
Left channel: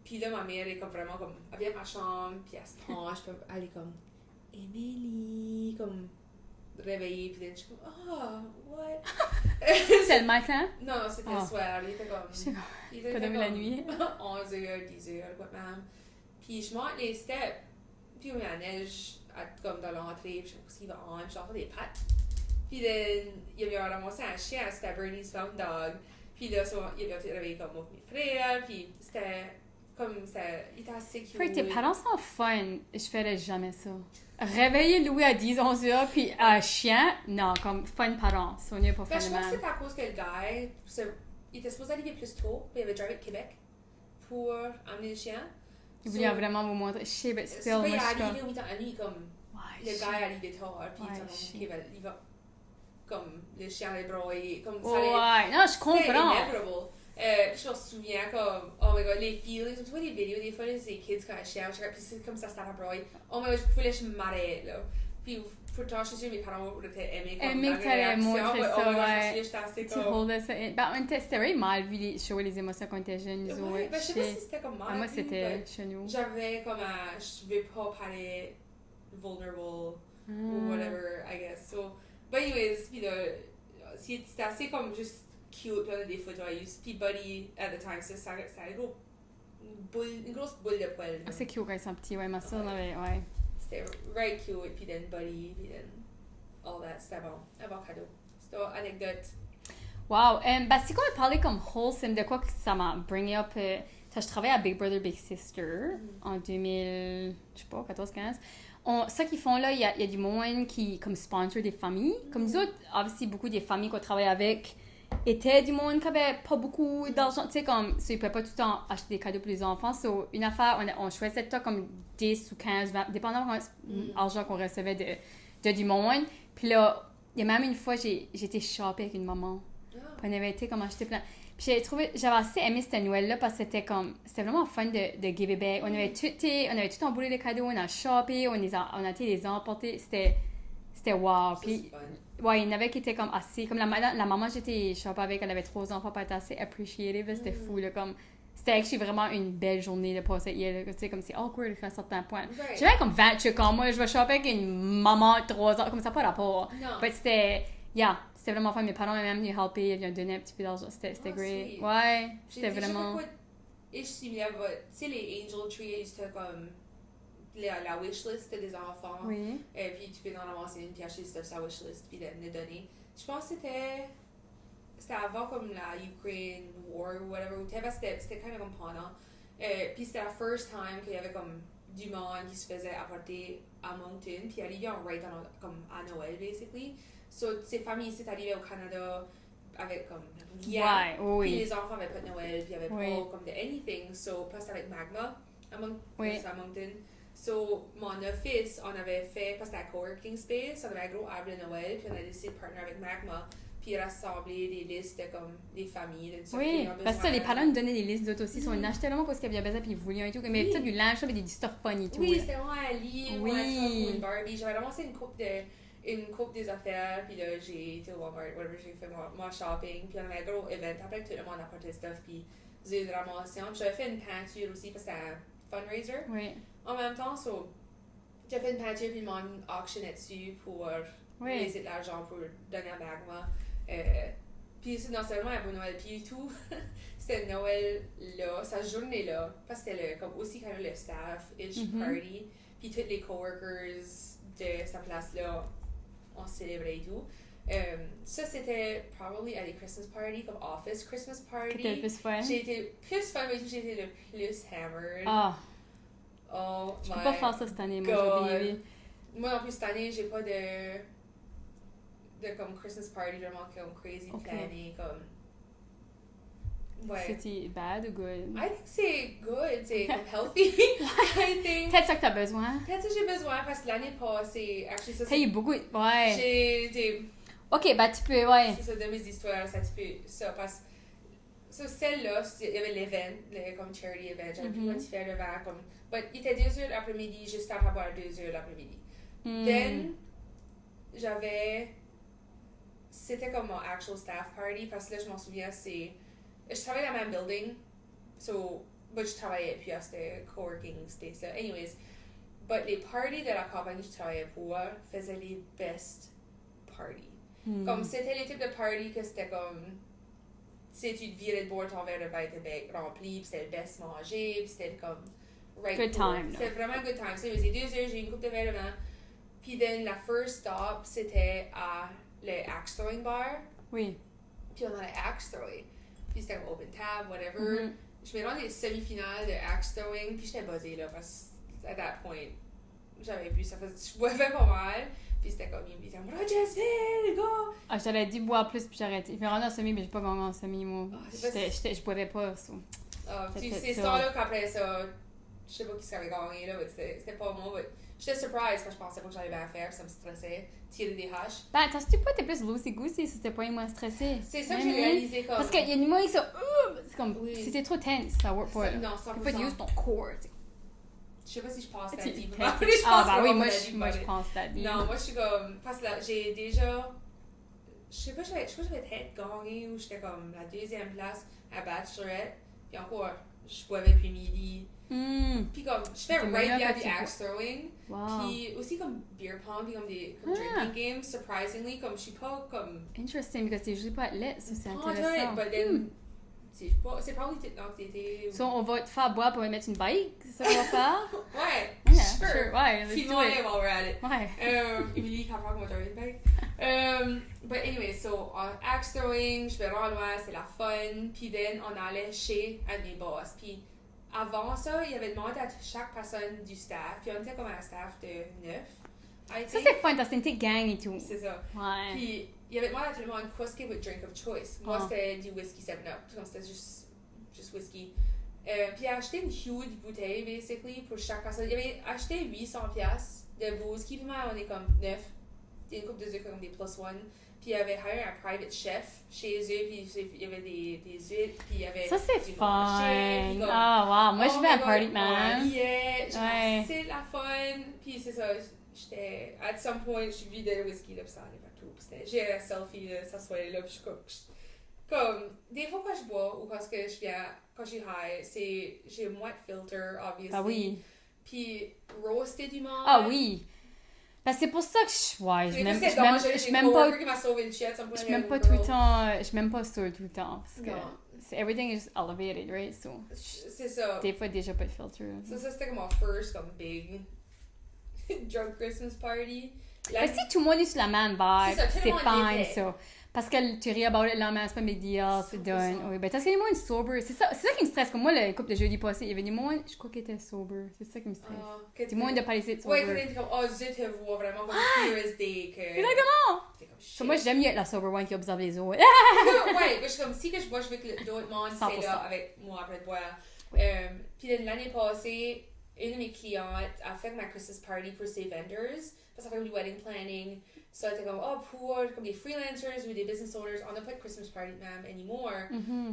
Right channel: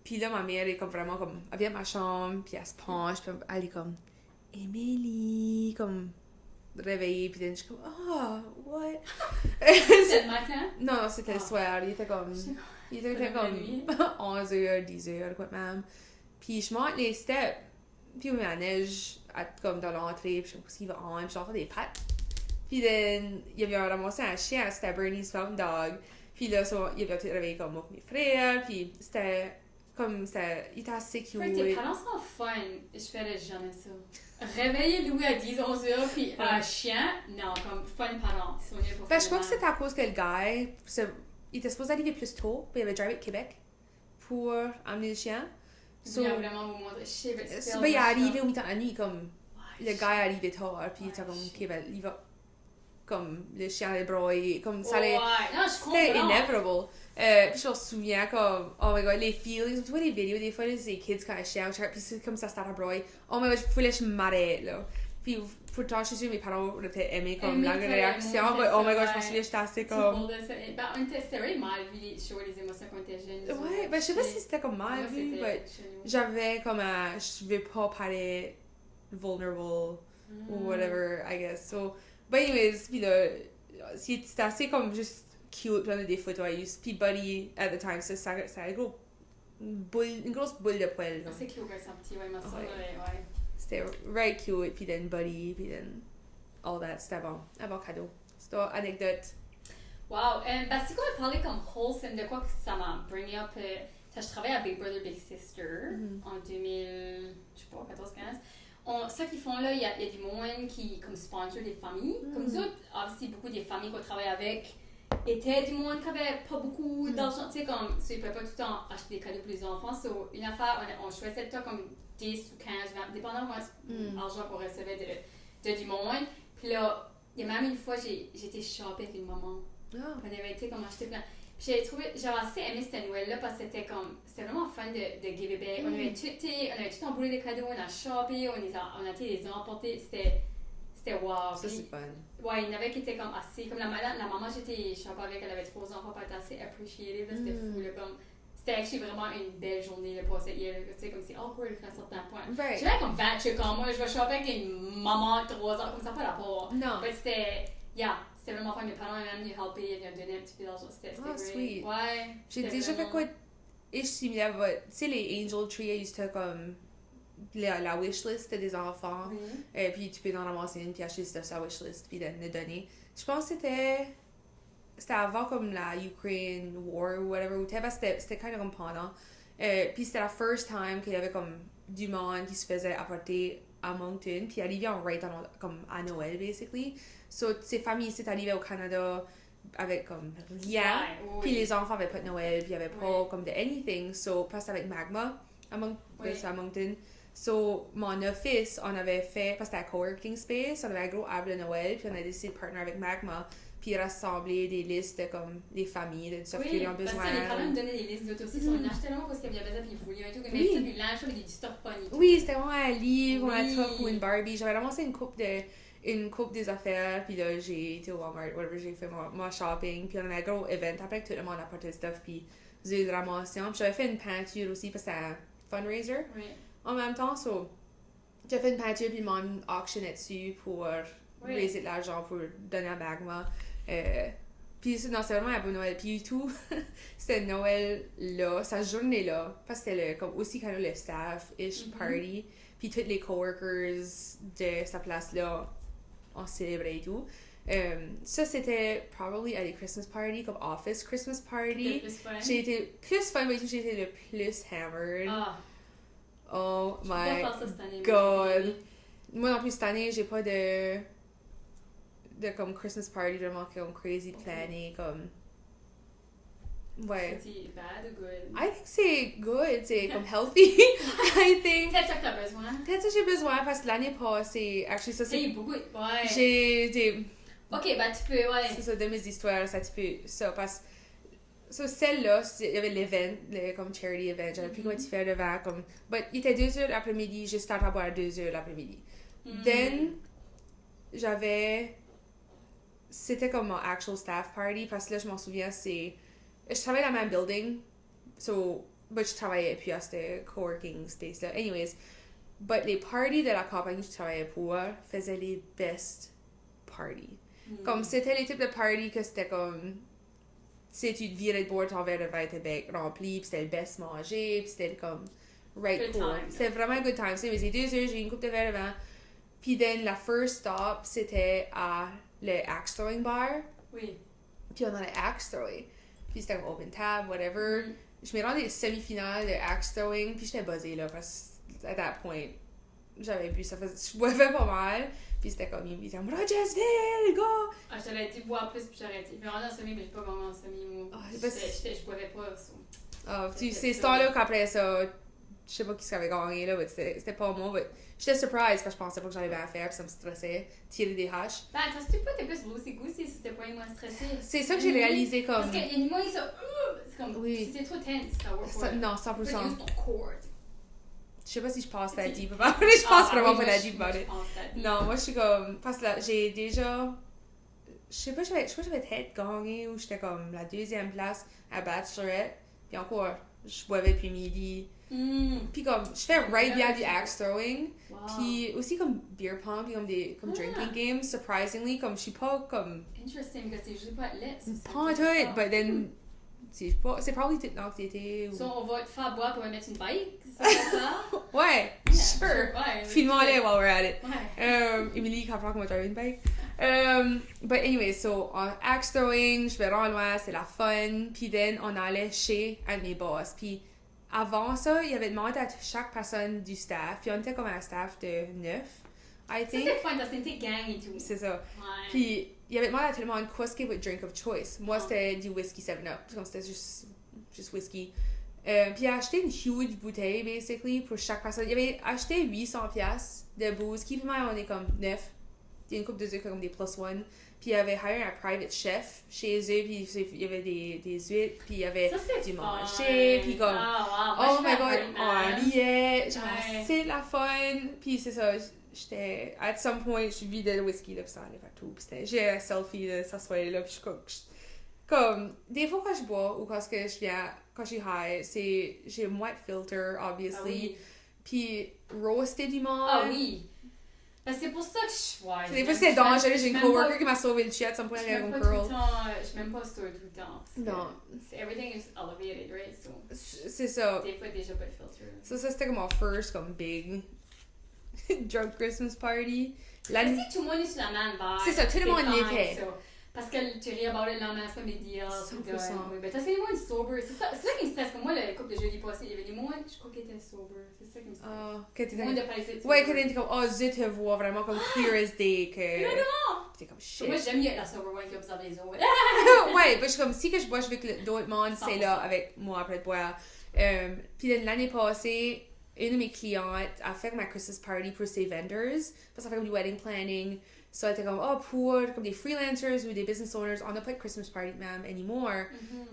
Puis là, ma mère est comme vraiment comme, elle vient de ma chambre, puis elle se penche, puis elle est comme, Émilie, comme réveillée, puis là, je suis comme, ah, what? C'était le matin? Non, c'était le soir, il était comme, la nuit. 11h, 10h, quoi même. Puis je monte les steps, puis il y a la neige comme dans l'entrée, puis je sais pas ce qu'il va en, puis j'entends des pattes. Puis il avait ramassé un chien, c'était Bernie's Found Dog. Puis là, il avait été réveillé comme moi et mes frères, puis c'était comme, il était assez cute. Frère, tes parents sont fun. Je ferais jamais ça. Réveiller Louis à 10-11 heures, puis un chien, non, comme fun parents. C'est mieux pour faire Je pense que c'était à cause que le gars, il était supposé arriver plus tôt, puis il avait drivé à Québec pour amener le chien. Il voulait vraiment vous montrer. Je sais, mais c'est Il est arrivé au mi-temps à nuit, comme, Ouais, le gars est arrivé tard, puis il était comme, shit. ok, ben, il va. comme le chien des bras et comme ça Ouais, non, je c'était comprends. inevitable. Puis je me souviens comme, oh my god, les feelings, tu vois les vidéos des fois, les kids quand ils chialent, puis c'est comme ça, à broyer. Oh my god, je pouvais m'arrêter là. Puis pourtant, je suis sûre mes parents auraient aimé comme la réaction. Oh my god, je pense que j'étais assez comme. C'était vraiment mal vu les shows, les émotions quand on était jeunes. Ouais, ben je sais pas si c'était comme mal. Moi, c'était chelou. J'avais comme un, je vais pas parler vulnerable ou whatever, I guess. So, but anyways, puis là, c'était assez comme juste cute, plein de des photos à use. Puis Buddy, at the time, ça une grosse boule de poil. Ah, c'est cute quand ils sont petits, ouais, ma soeur, Ouais. ouais. C'était very cute, puis then Buddy, puis then all that, c'était bon. Un bon cadeau. C'était une anecdote. Wow, bah c'est quoi parler comme wholesome, de quoi que ça m'a bring up, je travaillais à Big Brother Big Sister en 2000, je sais pas, 14-15. Ça qu'ils font là, il y a du monde qui comme sponsor des familles. Comme nous autres, obviously, beaucoup des familles qu'on travaille avec étaient du monde qui avait pas beaucoup d'argent, tu sais, comme, ils ne pouvaient pas tout le temps acheter des cadeaux pour les enfants. So, une affaire, on choisissait tout le temps comme 10 ou 15, 20, dépendamment de l'argent qu'on recevait de du monde. Puis là, il y a même une fois, j'ai été shopper avec une maman. On avait été comme acheter plein. Puis j'avais assez aimé cette Noël-là parce que c'était vraiment fun de give it back. On avait tout emboulé les cadeaux, on a shoppé, on a été les emporter. C'était wow. Ça, Puis, c'est fun. ouais, il y en avait qui étaient comme assez. Comme la maman, j'étais shopper avec, elle avait 3 enfants, pas assez appreciative. C'était fou, là, comme. C'était actually vraiment une belle journée de passer hier, tu sais, comme c'est awkward à un certain point. Right. J'avais comme 28 ans, moi, je vais shopper avec une maman de 3 ans, comme ça, pas rapport. Non. Mais c'était vraiment fun. Mes parents m'ont même helpé, ils m'ont donné un petit peu d'argent, c'était great. Sweet. Ouais, J'ai c'était déjà vraiment. fait quoi ish similaire, tu sais, les Angel Tree, c'était comme la wishlist des enfants. Oui. Et puis tu peux en ramasser une, puis acheter ça sur la wishlist, puis le donner. Je pense que c'était avant comme la Ukraine War ou whatever, c'était kind of comme pendant. Puis c'était la first time qu'il y avait comme du monde qui se faisait apporter à Moncton, puis arrivé en right comme à Noël, basically. So, ces familles ici arrivées au Canada avec comme rien, puis les enfants n'avaient pas de Noël, puis il n'y avait pas comme de anything. So, parce avec Magma à Moncton. So, mon office, on avait fait, parce que c'était un coworking space, on avait un gros arbre de Noël, puis on a décidé de partner avec Magma, puis rassembler des listes de comme des familles, de tout ça. Oui, parce que les parents nous donnaient des listes d'autres aussi, on achetait vraiment parce qu'il y avait besoin, puis ils voulaient un tout, mais peut-être du linge, avec des dystophones et tout. Oui, c'était vraiment un livre, un truc ou une Barbie. J'avais ramassé une coupe des affaires, puis là j'ai été au Walmart, whatever, j'ai fait mon shopping, puis on avait un gros event après que tout le monde apportait stuff, puis j'ai ramassé. Puis j'avais fait une peinture aussi parce que c'était un fundraiser. Oui. En même temps, j'ai fait une peinture puis m'en auctionné dessus pour raiser de l'argent pour donner à Magma. Puis c'était vraiment un beau Noël. Puis tout, c'était Noël là, sa journée là, parce que c'était comme aussi quand même le staff-ish party. Puis tous les coworkers de sa place là, on célébrait et tout. Ça c'était probably à des Christmas party, comme office Christmas party. C'était plus fun. J'ai été plus fun, mais j'ai été le plus hammered. Ah. Oh Je peux my pas faire ça cette année, god. Moi non plus cette année, j'ai pas de comme Christmas party vraiment comme crazy planning, comme. Ouais. C'était bad ou good? I think c'est good, c'est comme healthy. I think. Peut-être ça que t'as besoin. Peut-être que j'ai besoin parce que l'année passée, actually ça Il y a eu beaucoup. Ouais. J'ai des. Ok, bah tu peux, ouais. C'est ça, de mes histoires, ça tu peux. Ça, parce so, celle-là, il y avait l'event, comme charity event, j'avais plus quoi faire devant, comme. But il était 2h l'après-midi, juste à boire 2h l'après-midi. Then, c'était comme mon actual staff party, parce que là, je m'en souviens, je travaillais dans le même building, so, but je travaillais, puis c'était coworking space là. Anyways, but les parties de la compagnie que je travaillais pour faisaient les best parties. Comme c'était les types de parties que c'était comme. Tu sais, tu te virais de boire, ton verre de vin était rempli, puis c'était le best manger, puis c'était comme. Right good cool. time. C'était vraiment un good time. C'est 2 heures, j'ai eu une coupe de verre de vin. Puis then, la first stop, c'était à le axe throwing bar. Oui. Puis on allait axe thrower. Puis c'était comme open tab, whatever. Je me rendais les semi-finales de axe throwing, puis j'étais buzzée là, parce que à that point, j'avais bu ça, je boivais pas mal. Puis c'était comme, il me disait, Rogersville, go! Ah, j'avais dit boire plus, puis j'ai arrêté. Je me rendais en semi, mais j'ai pas gagné en semi, moi. Je boivais pas. C'est ce temps-là qu'après ça, je sais pas qui avait gagné, là, mais c'était pas moi, mais j'étais surprise parce que je pensais pas que j'allais bien faire, puis ça me stressait, tirer des haches. Ben, attends, c'était pas, t'es plus loosey-goosey si c'était pas moins stressé. C'est ça que j'ai réalisé comme... Parce qu'il y a des moments qui sont, c'est comme, Oui. si t'es trop tense, ça work pas. Non, 100%. Faut use ton corps. Je sais pas si je pense la Tu- deep. Ah, Je pense bah vraiment oui, pas moi, la je- deep. moi, je pense la deep. Non, moi je suis comme. Parce que là, j'ai déjà. Je sais pas, j'avais peut-être gagné ou j'étais comme la deuxième place à Bachelorette. Puis encore, je boivais depuis midi. Puis comme, je fais right bien du axe throwing. Wow. Puis aussi comme beer pong, puis comme drinking games. Surprisingly, comme je suis pas comme. Interesting, parce que c'est juste pas lit, c'est Pas tout, intéressant. but then. C'est probably l'anxiété. So, on va te faire boire pour mettre une bike, c'est ça qu'on fait? Ouais, Yeah, sure. Ouais, Filme-moi while we're at it. Ouais. Emily comprend comment drive une bike. But anyway, so axe throwing, je vais en loin, c'est la fun. Puis then on allait chez un de mes boss. Puis avant ça, il avait demandé à chaque personne du staff. Puis on était comme un staff de 9. I Ça, think. c'est fun, parce que c'était gang et tout. C'est ça. Ouais. Puis il avait demandé à tout le monde quoi ce qu'il y avait drink of choice. Moi, Oh. c'était du whisky 7-Up. Puis c'était juste whisky. Puis il a acheté une huge bouteille, basically, pour chaque personne. Il avait acheté 800$ de whisky. Puis moi, on est comme 9. Il y a une couple de eux comme des plus one. Puis il avait hire un private chef chez eux. Puis il y avait des huîtres. Puis il y avait Ça, c'est du fun. manger. Puis comme. Ah, wow. Moi, je oh vais à my Party God, Man. on riait, genre, Ouais. c'est la fun. Puis c'est ça, j'étais. At some point, je vidais le whisky, là, puis ça allait partout. Puis j'ai un selfie de s'asseoir là, puis je suis comme. Des fois, quand je bois ou quand je viens, quand je suis high, j'ai moins de filter, obviously. Ah oui. Puis roaster du monde. Ah oui. Parce que c'est pour ça que je. Ouais, Des je fois, m'aime- c'est je m'aime- dangereux. je J'ai m'aime une pas. coworker qui m'a sauvé le chien à some point. Je m'aime pas tout le temps. Je m'aime pas ça tout le temps. Parce que Non. everything is elevated, right? So, C'est ça. des fois, déjà pas de filter. Ça, c'était comme mon first, comme big drunk Christmas party. Mais si tout le monde est sur la même vibe, C'est ça, tout le monde fine, l'était. ça. Parce que tu ris about it là, mais c'est pas mes deals, c'est 100%. done. Oui, ben, parce qu'il y a des moments sober. C'est ça qui me stresse. Comme moi, le couple de jeudi passé, il y avait des moments, je crois qu'il était sober. C'est ça qui me stresse. Des moments de pas laisser Ouais, quand sober. t'es comme, oh, zut, te vois vraiment comme clear as day. Que... Exactement! C'est comme shit. So, moi, j'aime mieux être la sober one qui observe les autres. Ouais, je suis comme, si que je bois, je veux que d'autres monde, c'est 100%. là avec moi après boire. Puis l'année passée, une de mes clientes a fait ma Christmas party pour ses vendors. Parce qu'elle fait du wedding planning. So, elle était comme, oh, pour comme des freelancers ou des business owners, on n'a pas de Christmas party, ma'am, anymore.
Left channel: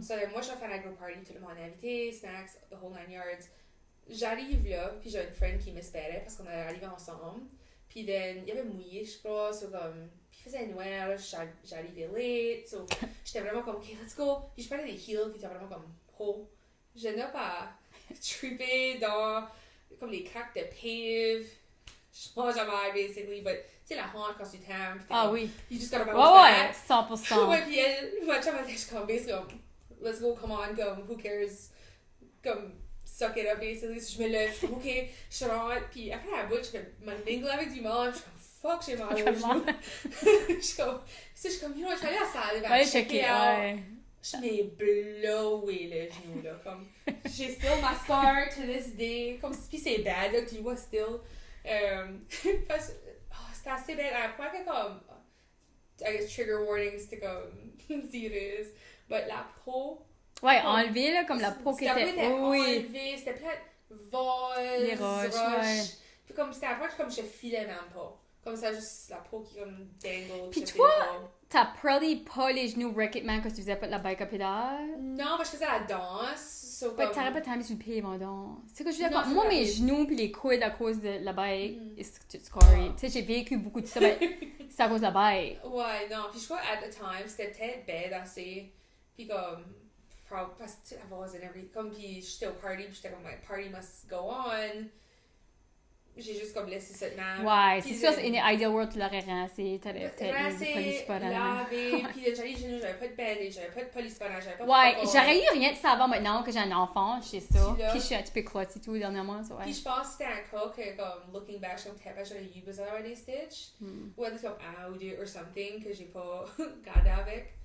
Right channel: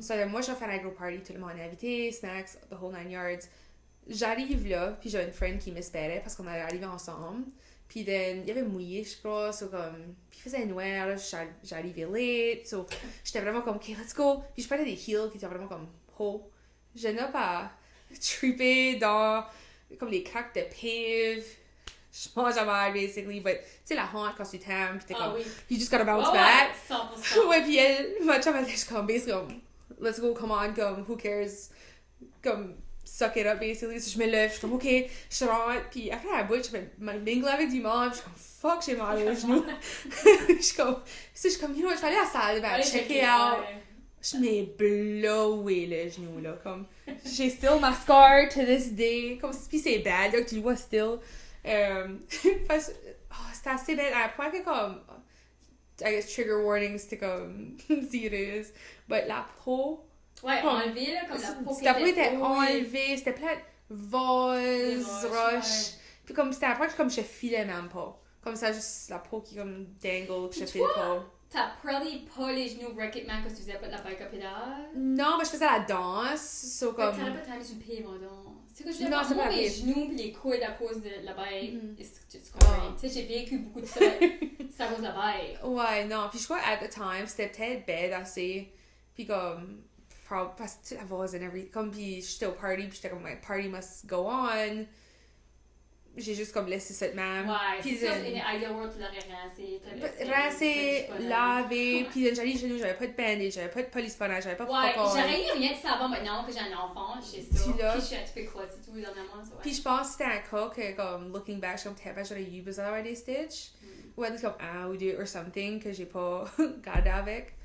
So, moi, je vais faire un gros party, tout le monde est invité, snacks, the whole 9 yards. J'arrive là, puis j'ai une friend qui m'espérait parce qu'on allait arriver ensemble. Puis then, il y avait mouillé, je crois, so comme, puis il faisait noir, là, j'arrivais late, so j'étais vraiment comme, ok, let's go. Puis je parlais des heels qui étaient vraiment comme, oh. J'en ai pas trippé dans, comme des craques de pave. Je mange à mal, basically, but tu sais, la honte quand tu t'aimes, puis t'es Ah comme, oui. you just gotta Ouais, bounce ouais, back. 100%. Ouais, puis elle, ma chum, elle était juste comme, basically, comme, let's go, come on, comme, who cares, comme, suck it up, basically. So, je me lève, je suis comme, ok, je rentre, puis après, à la bout, je me mingle avec du monde, je suis comme, fuck, j'ai mal au genou. Je suis comme, you know what, je vais aller à la salle, ben, Ouais, check it checker, out. ouais. Je m'ai blowé le genou, là, comme, j'ai still ma scar to this day, comme, puis c'est bad, là, que tu le vois still. Parce que, oh, c'était assez bête, à un point que, comme, I guess trigger warnings, c'était comme, serious, but la peau, Ouais, enlevé, là, comme la peau qui c'était était... enlevé, c'était plein de vols, Les roches, roches, ouais. puis comme, c'était un point que, comme, je filais même pas, comme ça, juste la peau qui, comme, dangle, Puis je toi? filais pas. T'as probably pas les genoux break-it-man parce que tu faisais pas de la bike à pédale. Non, mais je faisais la danse, so Mais comme... t'aurais pas time sur le pied, mon don. C'est que je veux Non, dire, c'est moi, pas mes vrai. genoux pis les coudes à cause de la bike, Mhm. it's correct. Ah. Tu sais, j'ai vécu beaucoup de ça, mais c'est à cause de la bike. Ouais, non, puis je crois at the time, c'était peut-être bête assez, puis comme, parce que I was and everything, comme, puis j'étais au party, puis j'étais comme, my party must go on. J'ai juste comme laissé cette main. Ouais, Puis c'est sûr, in the ideal world, tu l'aurais rincé, rincé, lavé, puis j'allais chez nous, j'avais pas de bandage, j'avais pas de polysponnage, j'avais pas de Ouais, fuck all. j'aurais eu rien de ça avant maintenant que j'ai un enfant, je sais ça. Puis là- Puis je suis un petit peu clutzy tout dernièrement, ça, ouais. Puis je pense que c'était un cas que, comme, looking back, je suis comme, j'aurais eu besoin d'avoir des stitches. Ou être comme un ou deux or something que j'ai pas gardé avec.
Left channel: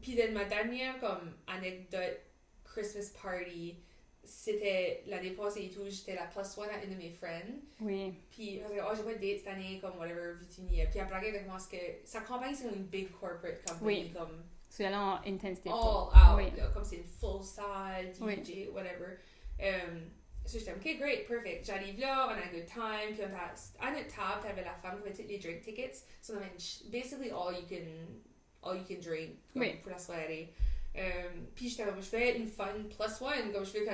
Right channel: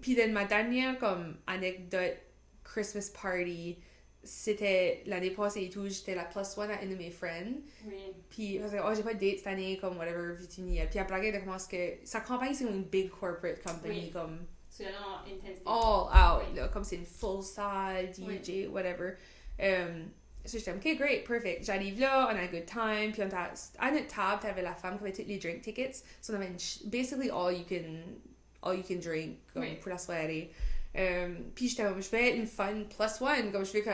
Puis de ma dernière comme anecdote Christmas party, c'était l'année passée et tout, j'étais la plus one à une de mes friends. Oui. Puis parce que oh j'ai pas de date cette année comme whatever Virginie. Puis elle blaguait de comment est-ce que sa campagne c'est comme une big corporate company Oui. comme Tu es là en intensité. all out Oui. là, comme c'est une full salle DJ Oui. whatever. So j'étais OK, great, perfect. J'arrive là, on a un good time, puis à notre table, t'avais la femme qui avait toutes les drink tickets. So on avait basically all you can drink pour la soirée. Puis j'étais comme, je vais être une fun plus one, comme je veux que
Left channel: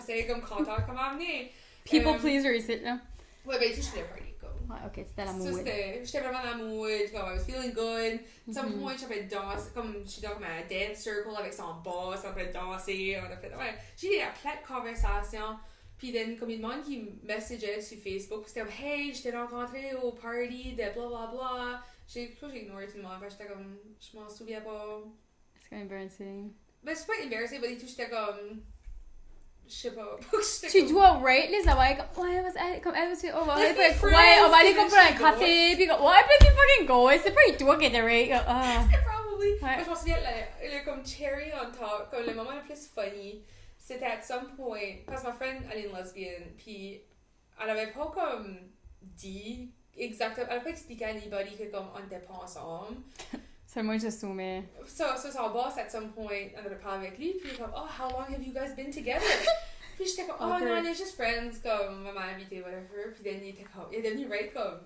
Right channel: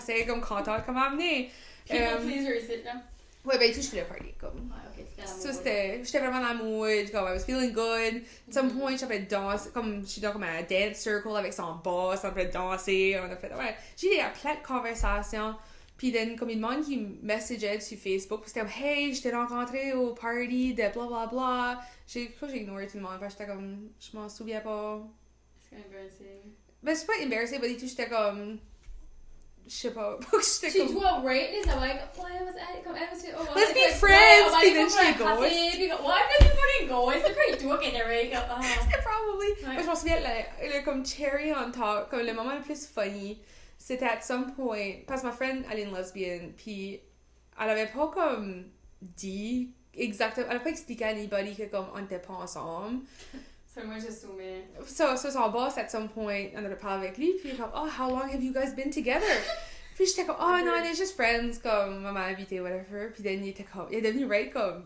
c'est comme contente comme amener. People pleaser ici, là. Ouais, ben tout, je suis le party, comme. Ouais, ok, c'était la So, mood. j'étais vraiment dans la mood, comme, I was feeling good. At some point, j'avais dansé, comme, je suis dans un dance circle avec son boss, on a fait danser, on a fait, ouais. J'ai eu plein de conversations. Puis, comme une monde qui me messageait sur Facebook, puis c'était comme, hey, je t'ai rencontré au party de blablabla. J'ai ignoré tout le monde, parce que j'étais comme, je m'en souviens pas. C'est embarrassing. Ben, c'est pas embarrassing, mais tout, j'étais comme, je sais pas. Tu dois rate les avoir comme, ouais, comme elle va se oh, let's be ouais, friends! on va aller prendre un café, puis comme, ouais, puis tu fucking go, c'est pas toi qui te rate, C'était probably. Ouais. Moi, je m'en souviens, le comme cherry on top, comme le moment le plus funny, c'était at some point, parce que ma friend, elle est une lesbienne, puis elle avait pas comme dit exactement, elle avait pas expliqué à anybody que comme on était pas ensemble. C'est moi, j'assumais. So son boss, at some point, on a parlé avec lui, puis il est comme, oh, how long have you guys been together? Puis j'étais comme, oh, no, they're just friends, comme, maman habité, whatever. Puis then il était comme, il est devenu, right, comme,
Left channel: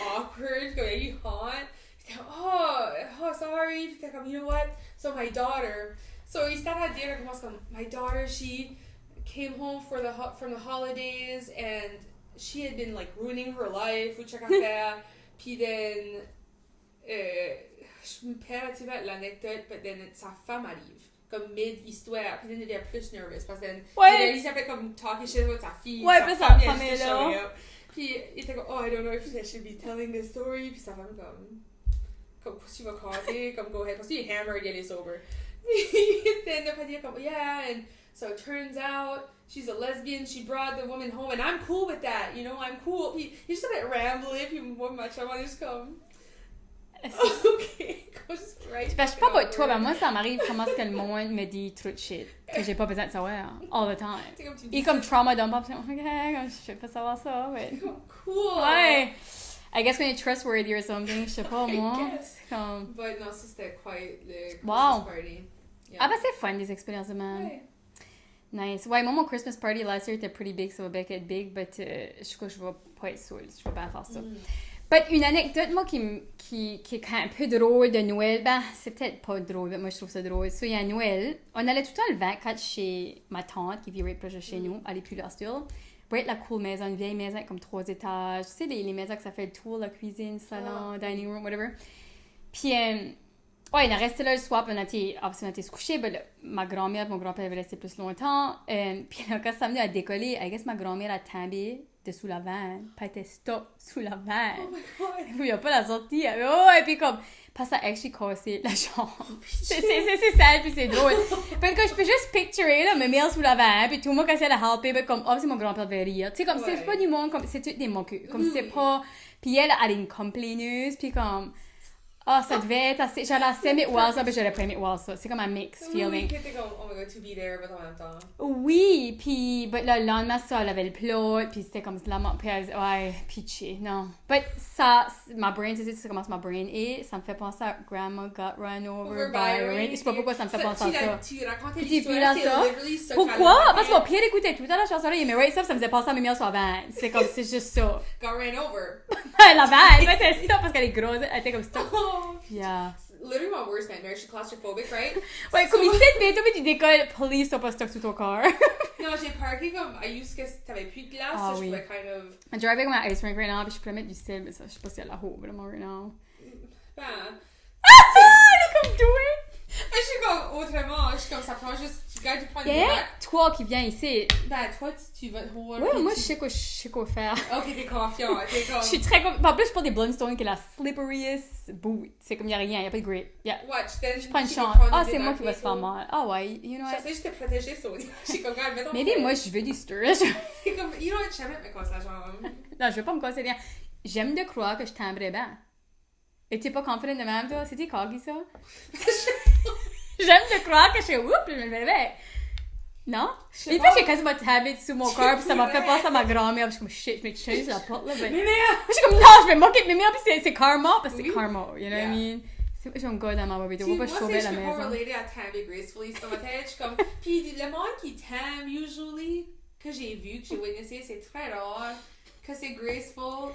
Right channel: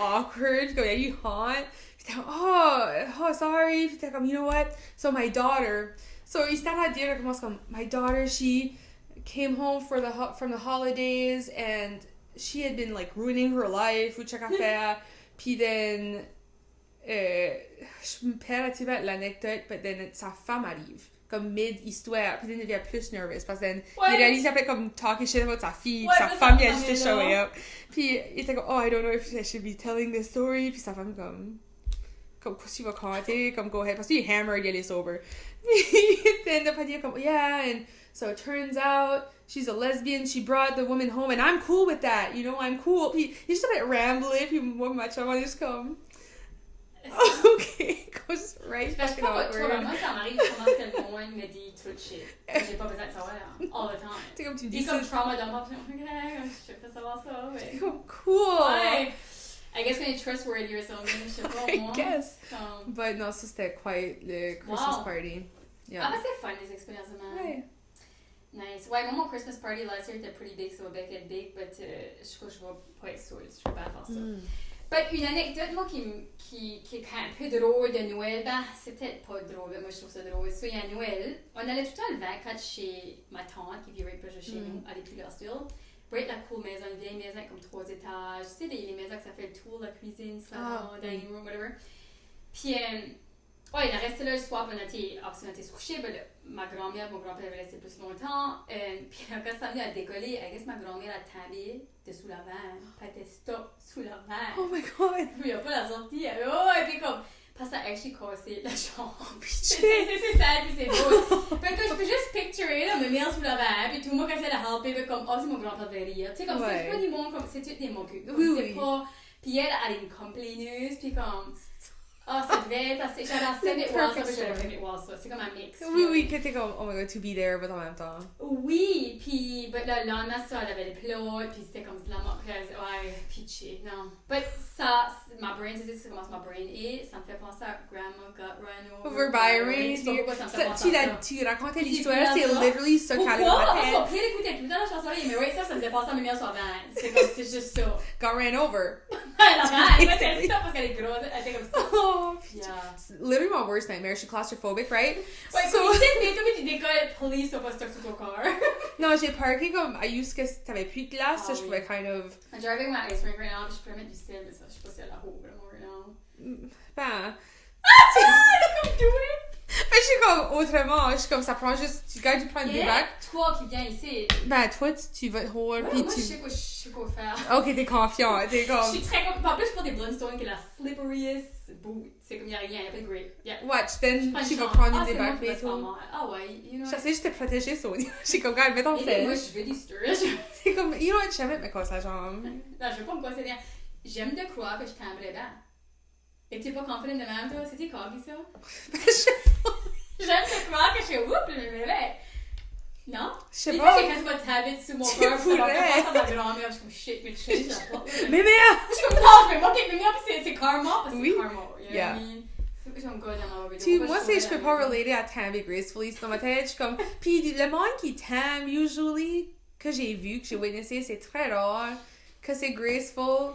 awkward, comme, il a eu honte. Puis il était comme, oh, sorry. Puis il était comme, you know what? So my daughter, so il started à dire, comme, my daughter, she came home from the holidays, and she had been, like, ruining her life, ou chaque affaire. Puis then, je me perds l'anecdote, but then sa femme arrive, comme mid-histoire, puis then il devient plus nervous, parce que il s'appelait comme talking shit about sa fille, sa femme qui a juste showing up. Puis il était comme, oh, I don't know if I should be telling this story, puis sa femme comme, qu'est-ce que tu vas compter, comme, go ahead, parce qu'il est hammered, il est sober. Puis then the padilla comme, yeah, and so it turns out, she's a lesbian, she brought the woman home, and I'm cool with that, you know, I'm cool. Puis il just started rambling, puis moi, ma chum, I just come, ok, goes right. Je sais pas pour toi, mais moi ça m'arrive comment est-ce que le monde me dit trop de shit que j'ai pas besoin de savoir all the time. Il est comme trauma dump up, ok, je vais pas savoir ça, mais cool. Ouais. I guess when you're trustworthy or something, je sais pas moi. I guess. Comme... But non, ça c'était quite le Christmas Wow. party. Yeah. Ah bah c'est fun des expériences de même. Ouais. Nice. Ouais, moi mon Christmas party last year était pretty big, so it va être big, but je crois que je vais pas être saoule, je vais pas faire ça. But une anecdote, moi, qui est quand même un peu drôle de Noël, ben, c'est peut-être pas drôle, mais moi, je trouve ça drôle. So, il y a Noël, on allait tout le temps le 24 chez ma tante, qui vit right proche de chez nous, à l'Épulasture. Right, la cool maison, une vieille maison avec comme 3 étages. Tu sais, les maisons que ça fait le tour, la cuisine, salon, dining room, whatever. Puis, ouais, il a resté là le soir, puis on a été se coucher. Ben, ma grand-mère et mon grand-père avaient resté plus longtemps. Puis là, quand ça venait à décoller, I guess ma grand-mère a tombé dessous la vanne. Puis elle était stop sous la vanne. Oh my god. Il n'y a pas la sortie. Oh, et puis comme, parce que ça a actually cassé la chambre. C'est sad, puis c'est drôle. Puis que je peux juste picturer, là, me mettre sous la vanne, puis tout le monde qui essaie de helper, ben comme, oh, c'est mon grand-père de rire. Tu sais, comme, c'est pas du monde, comme, c'est tout des moqueux. Comme, c'est pas. Puis elle est une complaineuse, puis comme. Ah, ça devait être assez. J'allais assez aimer voir ça, puis j'aurais pas aimé voir ça. C'est comme un mix feeling. Oui, t'es comme, oh my god, to be there, mais en même temps. Oui, puis but là, le lendemain, ça, elle avait le plot, puis c'était comme la mort, puis elle disait, ouais, pitché, non. But ça, ma brain, tu sais comment ma brain est, ça me fait penser à Grandma Got Run Over by a Rain. Je sais pas pourquoi ça me fait penser à ça. Tu racontais l'histoire, c'est literally ça. Pourquoi? Parce qu'au pire, écoutez, tout le temps, la chanson-là, il me right ça me faisait penser à mes meilleurs sur la vanne. C'est comme, c'est juste ça. Got ran over. La vanne, mais c'est ça, parce qu'elle est grosse, elle était comme ça. Yeah. Literally my worst nightmare. Je suis claustrophobic, right? Ouais, comme ici, mais toi, tu décolles, police, t'as pas stock sous ton corps. Non, j'ai parké comme, I used que t'avais plus de glace, so je pouvais kind of... I'm driving my ice rink right now, puis je pourrais mettre du sel, mais ça, je sais pas si elle a haut vraiment right now. Ben... Comme do it! Mais je suis comme, autrement, je suis comme, ça prend juste, tu prends du bac. Toi qui viens ici. Ben, toi, tu vas te hold. Ouais, moi, je sais quoi faire. Ok, t'es confiant, t'es comme... Je suis très confiante. En plus, pour des Blundstone qui est la slipperiest boot. C'est comme, y'a rien, y'a pas de grip. Yeah. Watch, then je prends une tu chance. peux prendre Ah, des c'est moi bacs qui va et se faire tout. mal. Ah ouais, you know Je what? sais, je t'ai protégé, Sonia. Je suis comme, regarde, mets ton Mais fait. moi, je veux du stir. C'est comme, you know what, je savais me casser la jambe. Non, je veux pas me casser rien. J'aime de croire que je timbrais bien. Et t'es pas confident de même, toi? C'était corgi, ça? J'aime de croire que je suis oups, je me réveille. Non? Une fois, j'ai quasiment tabé sous mon corps, puis ça m'a fait penser à ma grand-mère, puis je suis comme shit, mais tu sais, la porte là. Mais Je suis comme non, je vais moquer de mémère, puis c'est karma, parce que c'est karma, you know what I mean? C'est j'ai un gars dans ma vidéo, tu pourquoi vois, je je saurais peux la pas maison? relater à Tammy gracefully, c'est dans ma tête, je suis comme, pis le monde qui t'aime, usually, que j'ai vu, que j'ai witnessé, c'est très rare, que c'est graceful.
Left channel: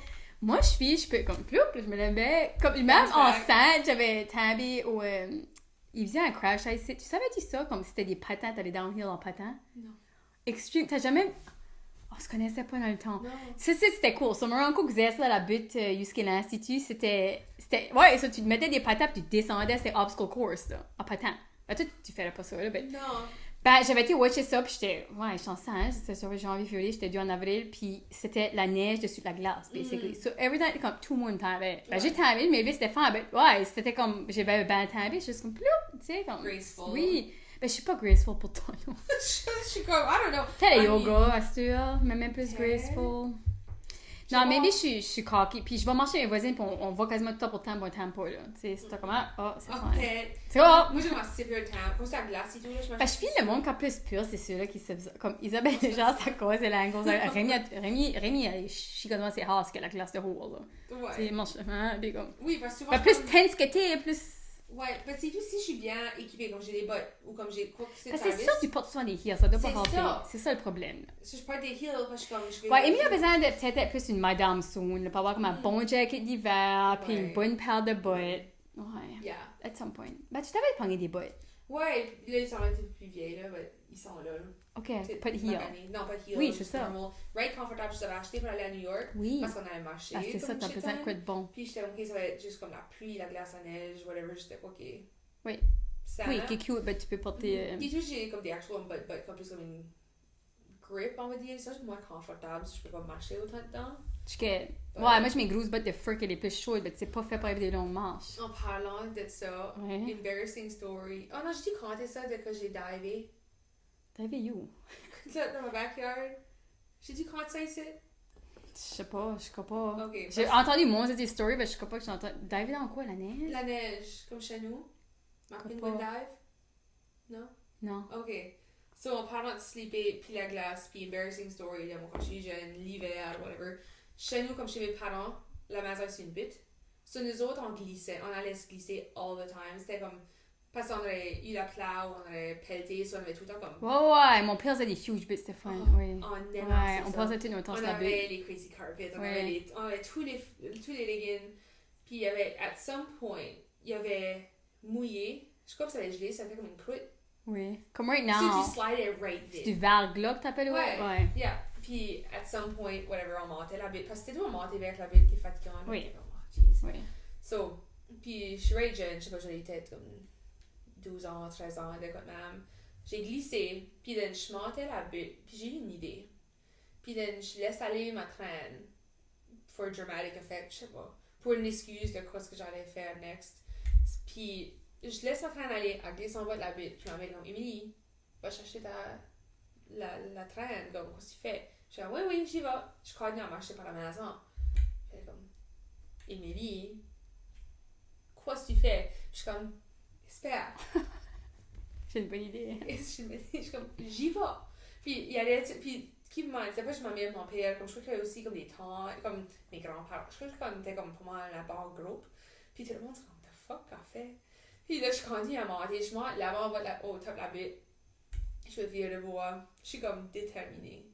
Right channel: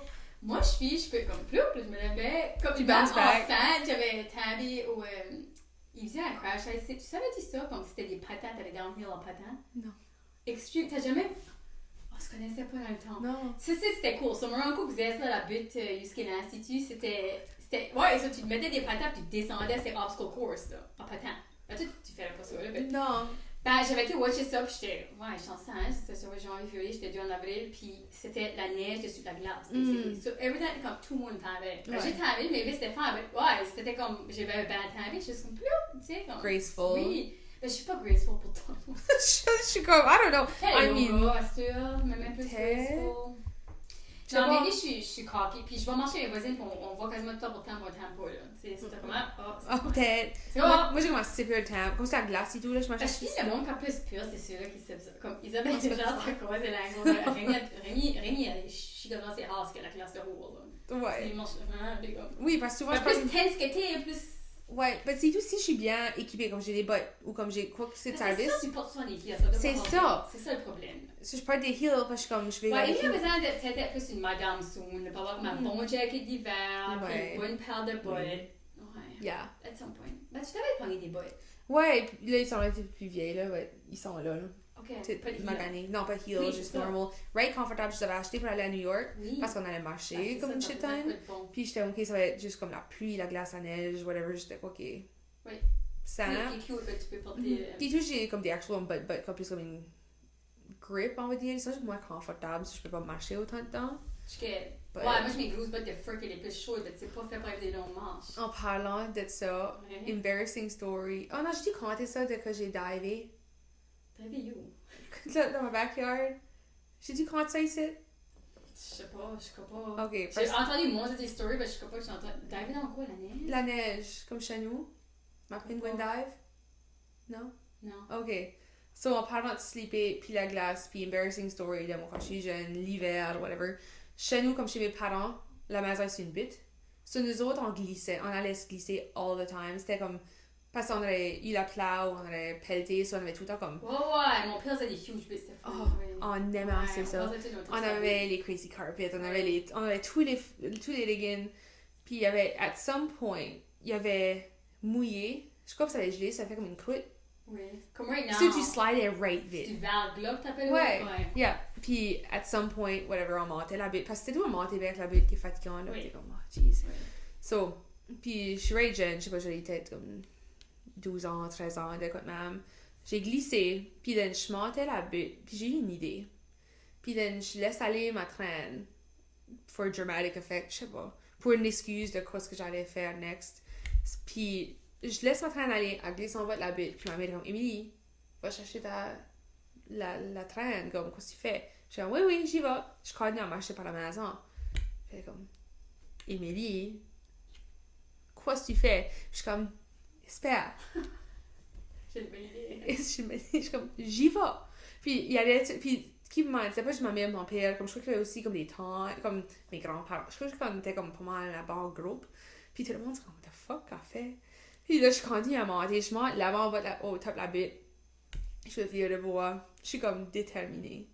Moi, je peux comme plus, je me levais. Comme même enceinte, j'avais Tabby ou. Il faisait un crash ice. Tu savais-tu ça? Comme si c'était des patins, t'avais downhill en patin? Non. Extreme. T'as jamais. On se connaissait pas dans le temps. Non. Ça, c'était cool. So, mon uncle faisait ça, la butte jusqu'à l'Institut. C'était. Ouais, ça, tu mettais des patins puis tu descendais, c'était obstacle course, là, en patin. Ben, toi, tu ferais pas ça, là. Ben, Non. ben, j'avais été watcher ça, puis j'étais. Ouais, j'étais enceinte, c'était sur janvier, février, j'étais due en avril, puis c'était la neige dessus de la glace, basically. So, every time, comme tout le monde t'avait. Ben, j'étais en ville, mais là, c'était fin. Ouais, c'était comme. J'avais ben t'avais, j'étais comme plus, tu sais, comme. Graceful. Oui. Ben, je suis pas graceful pour toi, non. Je suis comme, I don't know. T'as le I yoga, Astur, mais même plus T'es- graceful. Non, mais je suis cocky, puis je vais marcher avec mes voisines, puis on voit quasiment tout le temps, moi, temps pas, là. Tu sais, c'est comme, c'est Oh, fun. peut-être. C'est bon. Moi, j'ai commencé super le temps. Comme c'est la glace et tout, là, je mange. Parce que je finis le monde quand plus pur, c'est ceux-là qui se comme Isabelle, genre, c'est quoi, c'est la grosse. Rémi, elle chicotement, c'est rare, que la glace de haut, là. Tu sais, Ouais. il mange, puis comme. Oui, parce que souvent. Ben, plus tense que t'es, plus. Ouais, mais c'est tout si je suis bien équipée, comme j'ai des bottes ou comme j'ai quoi que c'est de Parce que c'est service. ça, tu portes souvent des heels, ça doit pas C'est rentrer. ça. C'est ça le problème. Si je porte des heels, parce que comme je vais. Ouais, Amy a besoin de peut-être être plus une madame soon, de pas avoir comme un bon jacket d'hiver, puis Ouais. une bonne paire de bottes. Ouais, Yeah. at some point. Ben, tu t'avais pogné des bottes. Ouais, puis là, ils sont là, plus vieilles, là. Ouais, ils sont là. Ok, C'est pas de heels. magané. Non, pas de heels, Oui, c'est juste ça. normal. Right confortable, je l'avais acheté pour aller à New York. Oui. Parce qu'on allait marcher. Ah, c'est ça, comme t'as shit besoin de quoi time. de bon. Puis j'étais ok, ça va être juste comme la pluie, la glace, la neige, whatever. J'étais ok. Oui. Ça. Oui, qui est cute, ben tu peux porter. Puis tout, j'ai comme des actual but comme plus comme une grip, on va dire. Ça, c'est moins confortable si je peux pas marcher autant de temps. Ouais, moi j'ai mes grosses bottes de fur qui est les plus chaudes, mais c'est pas fait pour avoir des longues manches. En parlant de ça, Ouais. embarrassing story. Oh non, j'ai dû compter ça dès que j'ai divé. T'as vu où? Là, dans ma backyard. J'ai dû compter ça ici. Je sais pas, je crois pas. Ok. J'ai entendu moins de tes stories, mais je crois pas que j'ai entendu. Diver dans quoi, la neige? La neige, comme chez nous. Ma penguin dive. Non? Non. Ok. So, en parlant de sleeper, puis la glace, puis embarrassing story, là, moi, quand je suis jeune, l'hiver, whatever. Chez nous, comme chez mes parents, la maison, c'est une butte. So, nous autres, on glissait. On allait se glisser all the time. C'était comme. Parce qu'on avait eu la plow, on avait pelleté, so on avait tout le temps comme. Ouais, mon père faisait des huge bits, c'était fun. Oh, oui. On aimait Ouais, assez on ça. passait tout notre temps On sur la butte. avait les crazy carpets, on Ouais. avait tous les leggings. Puis il y avait, at some point, il y avait mouillé. Je crois que ça allait geler, ça fait comme une croûte. Oui. Comme right So now. tu slidais right C'est vite. du verglas que t'appelles? Ouais. Ouais. Yeah. Puis at some point, whatever, on montait la butte. Parce que c'était tout à monter avec la butte qui est fatigante. Oui. Comme, oh, jeez. Oui. So, puis je suis right jeune, je sais pas, j'avais peut-être comme 12 ans, 13 ans, de quoi de même. J'ai glissé, puis then je montais la butte, puis j'ai eu une idée. Puis then je laisse aller ma traîne for a dramatic effect, je sais pas, pour une excuse de quoi ce que j'allais faire next. Puis je laisse ma traîne aller, elle glisse en bas de la butte, puis ma mère dit comme Émilie, va chercher la traîne, comme qu'est-ce que tu fais? Je suis comme oui, j'y vais. Je continue à marcher par la maison. Elle est comme Émilie, quoi ce que tu fais? Je suis comme, espère. J'ai une bonne idée. Et je suis comme, j'y vais. Puis il y avait, puis qui m'a dit, moi je m'en mon père, comme je crois qu'il y avait aussi comme des tantes, comme mes grands-parents. Je crois qu'on était comme pas mal la barre groupe. Puis tout le monde se dit, what the fuck qu'elle fait? Puis là, je continue à monter, je monte là-bas au top de la butte. Je me fais le bois. Je suis comme déterminée.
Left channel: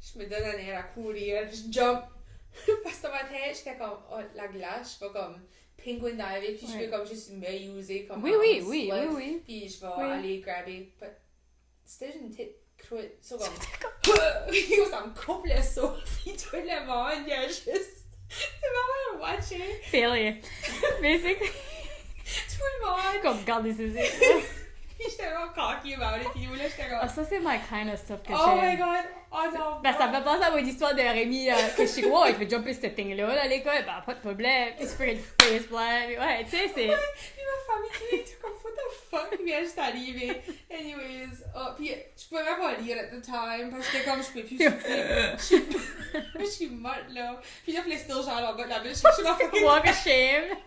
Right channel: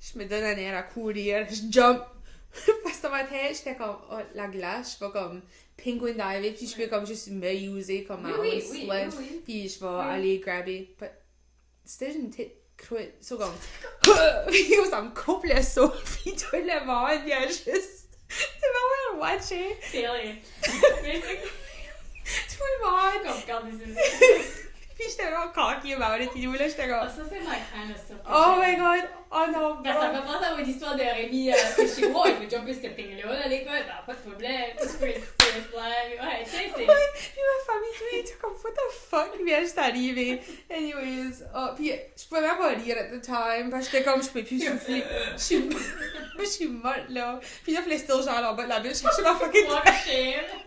Je me donne un air à courir, je jump. Parce que dans ma tête, j'étais comme, oh, la glace, je vais comme penguin diver, puis je peux comme juste me user comme Oui. puis je vais Oui. aller grabber. C'était une petite croûte, so comme, puis ça me coupe le saut, puis tout le monde, il y a juste, c'est vraiment watching, Failure. Basically. tout le monde, Comme, regarde les yeux. puis j'étais vraiment cocky about it, puis là, j'étais Ah, comme, ça, c'est my kind of stuff que oh j'aime. my god, oh non, Ben, ça me fait penser à mon histoire de Rémi que chez moi, je vais jumper cette thing-là à l'école, ben, pas de problème, tu fais une face plan, ouais, tu sais, c'est... ouais, puis ma famille, tu sais, comme, what the fuck vient juste d'arriver, anyways, puis je pouvais même pas rire at the time, parce que j'étais comme, je peux plus souffler, je suis morte là, puis là, je still genre en bas de la bûche, je suis la fucking Walk of shame.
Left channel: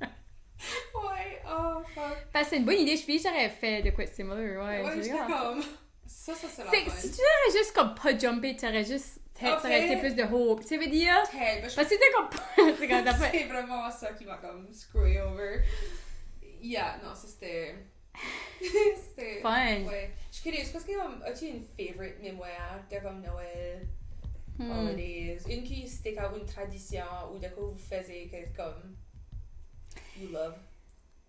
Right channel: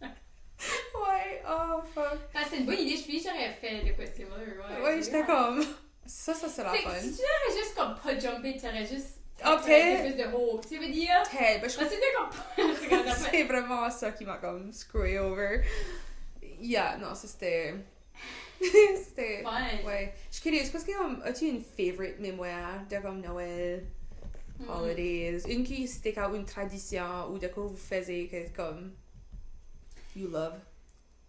ouais, oh fuck. Ben, c'est une bonne idée, je pense que j'aurais fait de quoi c'est similar, ouais. Ouais, j'étais comme. Ça, c'est la C'est fun. si tu aurais juste comme pas jumpé, tu aurais juste. Ça aurait été plus de hope, tu veux dire? Ted, Parce que c'était comme. C'est comme t'as fait. c'est vraiment ça qui m'a comme screwé over. Yeah, non, ça c'était. C'était. Fun. Ouais. Je suis curieuse, parce que as-tu une favorite mémoire de comme Noël, holidays, une qui stick out, une tradition ou de quoi vous faisiez que comme you love?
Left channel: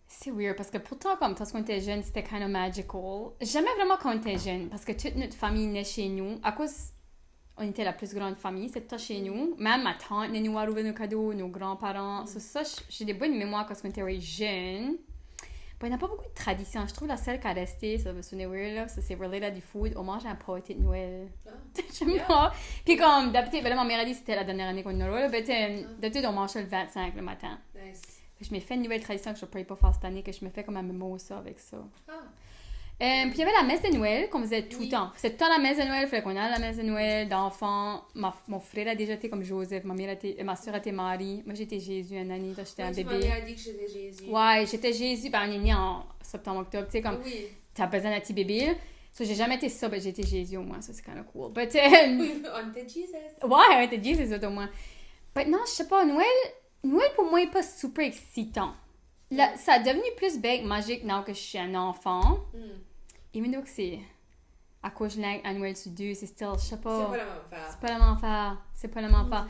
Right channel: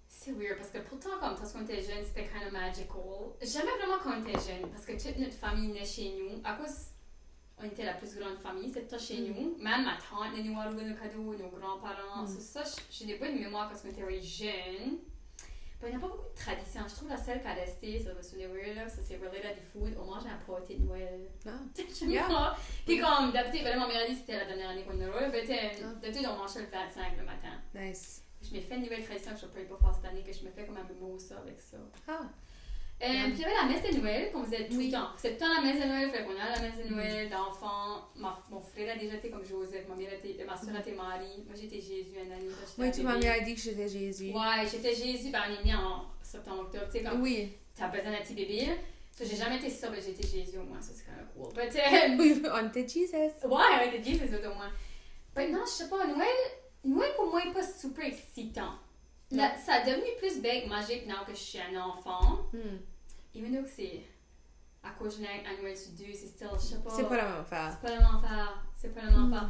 C'est weird parce que pourtant, comme quand on était jeune, c'était kind of magical. J'aimais vraiment quand on était jeune parce que toute notre famille naît chez nous. À cause, on était la plus grande famille, c'était chez nous. Même ma tante nous a ouvert nos cadeaux, nos grands-parents. Ça, j'ai des bonnes mémoires quand on était jeune. Bon, il n'y a pas beaucoup de traditions. Je trouve la seule qui a resté, ça va sonner weird là, ça c'est related à du food. On mange un pâté de Noël. J'aime pas. Puis comme d'habitude, ma mère a dit que c'était la dernière année qu'on a Noël. D'habitude, on mangeait le 25 le matin. Nice. Je m'ai fait une nouvelle tradition que je ne pourrais pas faire cette année, que je me fais comme un mimosa avec ça. Puis il y avait la messe de Noël qu'on faisait tout le temps. C'était tout le temps la messe de Noël, il fallait qu'on aille à la messe de Noël, d'enfants. Mon frère a déjà été comme Joseph, ma soeur était Marie. Moi j'étais Jésus une année, j'étais un bébé. Tu m'as dit que j'étais Jésus. Ouais, j'étais Jésus, ben on est né en septembre-octobre, tu sais, comme t'as besoin d'un petit bébé. So, j'ai jamais été ça, mais j'ai été Jésus au moins, ça c'est kind of cool. But, on était Jesus. Ouais, on était Jesus au moins. Mais non, je sais pas, Noël pour moi n'est pas super excitant. Là, ça a devenu plus big, magique maintenant que je suis un enfant. Even though que c'est à cause de à Noël sur 2, c'est still, je sais pas. C'est pas la même affaire. C'est pas la même affaire.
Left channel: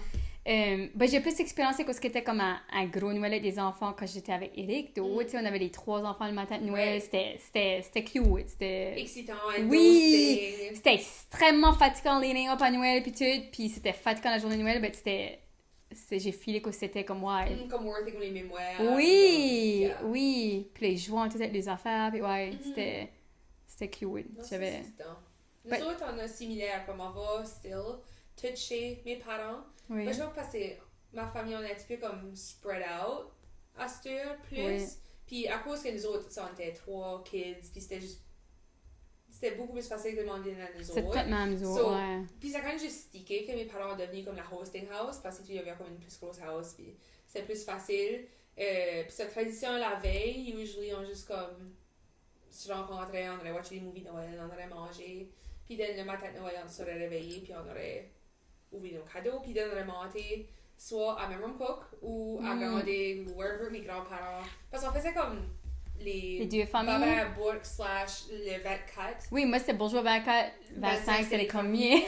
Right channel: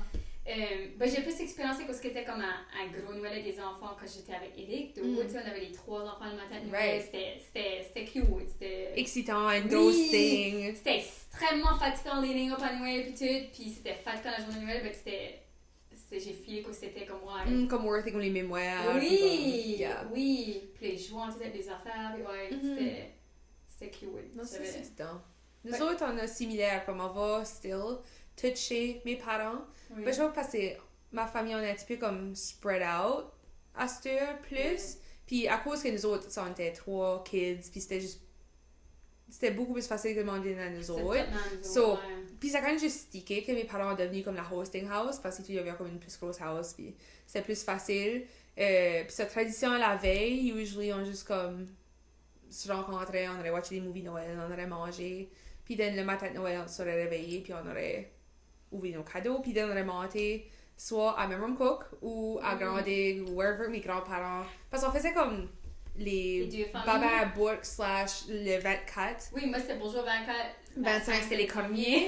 Ben, j'ai plus expérimenté que ce qui était comme un gros Noël avec des enfants quand j'étais avec Eric. Tu sais, on avait les 3 enfants le matin de Noël. C'était cute. C'était excitant, endorsing. C'était extrêmement fatigant leading up à Noël puis tout. Puis c'était fatigant la journée de Noël, mais j'ai filé que c'était comme comme worthy comme les mémoires. Oui. Puis les jouants, toutes les affaires. Puis c'était cute. Non, c'est excitant. Nous autres, on a similaire, comme on va still tout chez mes parents. Oui. Je pense parce que ma famille, on est un petit peu comme spread out à cette heure plus. Puis à cause que nous autres, on était 3 kids, puis c'était beaucoup plus facile de demander à nous autres. C'était tellement nous autres, Puis ça a quand même juste stické que mes parents sont devenus comme la hosting house, parce qu'il y avait comme une plus grosse house, puis c'était plus facile. Puis cette tradition la veille, usually on juste comme se rencontrait, on aurait watché des movies Noël, on aurait mangé. Puis le matin de Noël, on se serait réveillé, puis on aurait ouvert nos cadeaux, puis on aurait monté soit à Memram Cook ou à Grandin, ou wherever mes grands-parents. Parce qu'on faisait comme les deux familles. Baba Bourg / le 24. Oui, moi c'était Bourgeois 24, 25 c'était les commiers.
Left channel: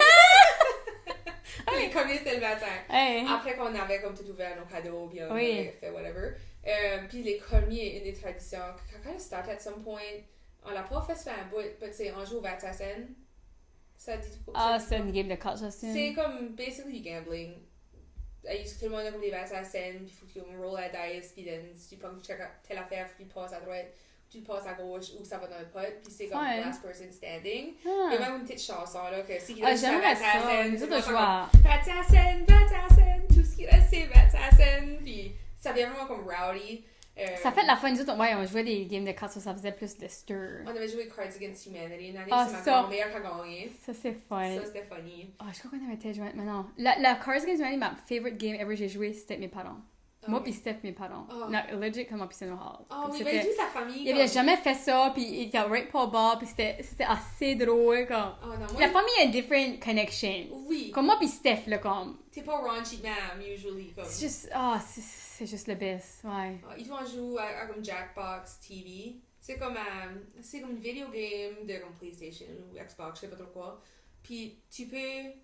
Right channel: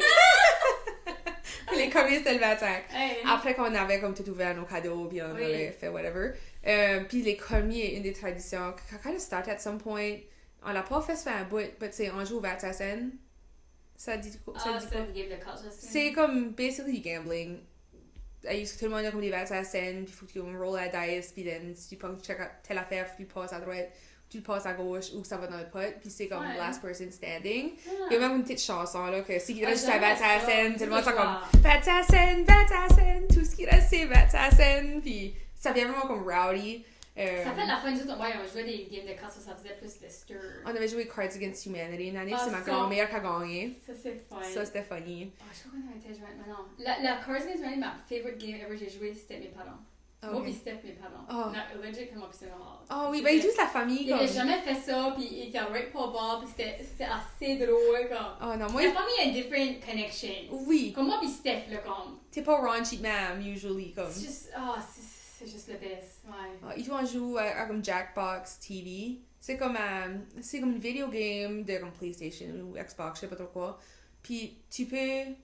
Les commiers c'était le 25. Hey. Après qu'on avait comme tout ouvert nos cadeaux, puis on avait fait whatever. Puis les commiers, une des traditions, quand on start at some point, on l'a pas fait se faire un bout, mais tu sais, on joue au Vertassen. Ça dit quoi? Ah, c'est une game de cartes, ça c'est comme basically gambling. Tout le monde a comme des Vertassen, puis il faut que tu roll la dice, puis si tu penses check telle affaire, faut que tu passes à droite, tu passes à gauche, ou ça va dans le pot, puis c'est comme last person standing. Il y a même une petite chanson là, que si il reste à Vertassen, tout le monde comme Vertassen, tout ce qui reste c'est Vertassen, puis ça devient vraiment comme rowdy. Ça fait de la fin nous autres, on jouait des games de cartes, ça faisait plus de stir. On avait joué Cards Against Humanity une année, c'est ma grand-mère qui a gagné. Ça c'est fun. Ça c'était funny. Je crois qu'on avait été joué maintenant. La Cards Against Humanity, ma favorite game ever j'ai joué, c'était mes parents. Moi pis Steph, mes parents. Non, legit comme option hall. Oui, ben juste la famille. Il avait jamais fait ça, puis il était right pour bas, puis c'était assez drôle comme. Non, moi, la famille a une different connection. Oui. Comme moi pis Steph là comme. T'es pas raunchy man usually comme. C'est juste c'est le best, Ils ont joué à comme Jackbox TV. C'est comme une video game de comme PlayStation ou Xbox, je sais pas trop quoi. Puis tu peux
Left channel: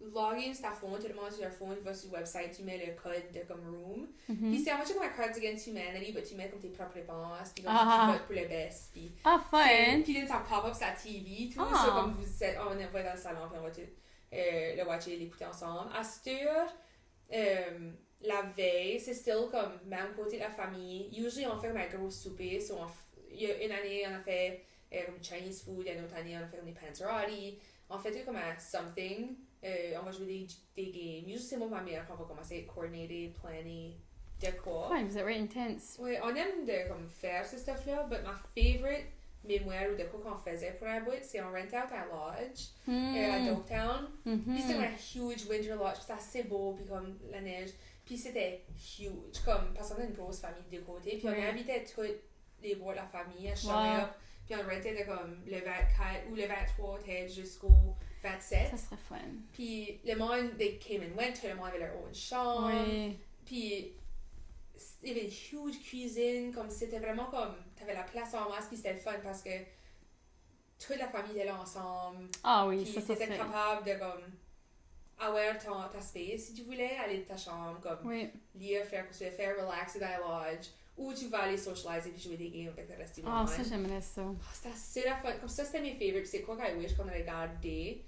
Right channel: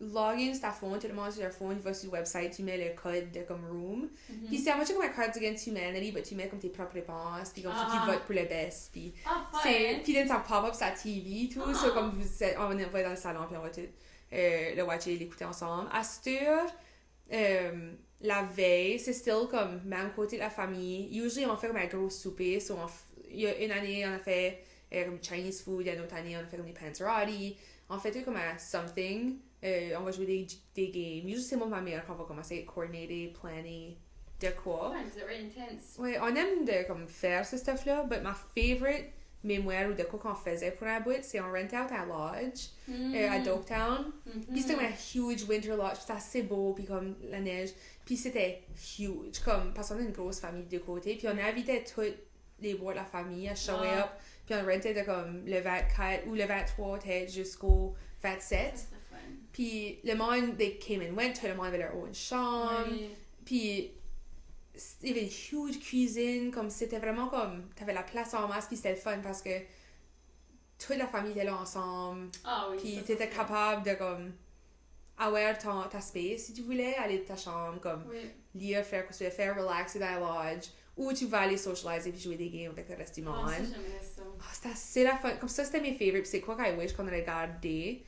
login sur ta phone, tout le monde sur leur phone, tu vas sur le website, tu mets le code de comme room. Puis c'est un peu comme un Cards Against Humanity, mais tu mets comme tes propres réponses, puis comme tu votes pour le best. Puis fun! Puis là, ça pop up sur la TV, tout. C'est comme on va dans le salon, puis on va tout le watcher, l'écouter ensemble. À cette heure, la veille, c'est still comme même côté de la famille. Usually, on fait comme un gros souper. So il y a une année, on a fait comme Chinese food. Il y a une autre année, on a fait comme des panzerotti. On fait tout comme un something. On va jouer des games. Usually, c'est moi ma mère qu'on va commencer à coordinater, planner, de quoi. Ouais, vous êtes very intense. Ouais, on aime de comme faire ce stuff-là. But ma favorite mémoire ou de quoi qu'on faisait pour un bout, c'est on rentait out à Lodge, à Dogtown. Puis c'était un huge winter lodge. C'était assez beau, puis comme la neige. Puis c'était huge, comme, parce qu'on a une grosse famille de côté. Puis on invitait tous les bois de la famille à show up. Puis on rentait de comme le 24 ou le 23 peut-être jusqu'au 27. Ça serait fun. Puis le monde, they came and went, tout le monde avait leur own chambre. Puis il y avait une huge cuisine, comme c'était vraiment comme, t'avais la place en masse, puis c'était le fun parce que toute la famille était là ensemble. Ah oui, Puis ça t'étais serait- capable de comme avoir ta space si tu voulais, aller de ta chambre, comme Oui. lire, faire ce que tu veux faire, relaxer dans la lodge, ou tu vas aller socialiser puis jouer des games avec le reste du Ah, monde. ça, j'aimerais ça. Ah, c'était assez la fun. Comme ça, c'était mes favorites. C'est quoi I wish qu'on aurait gardé.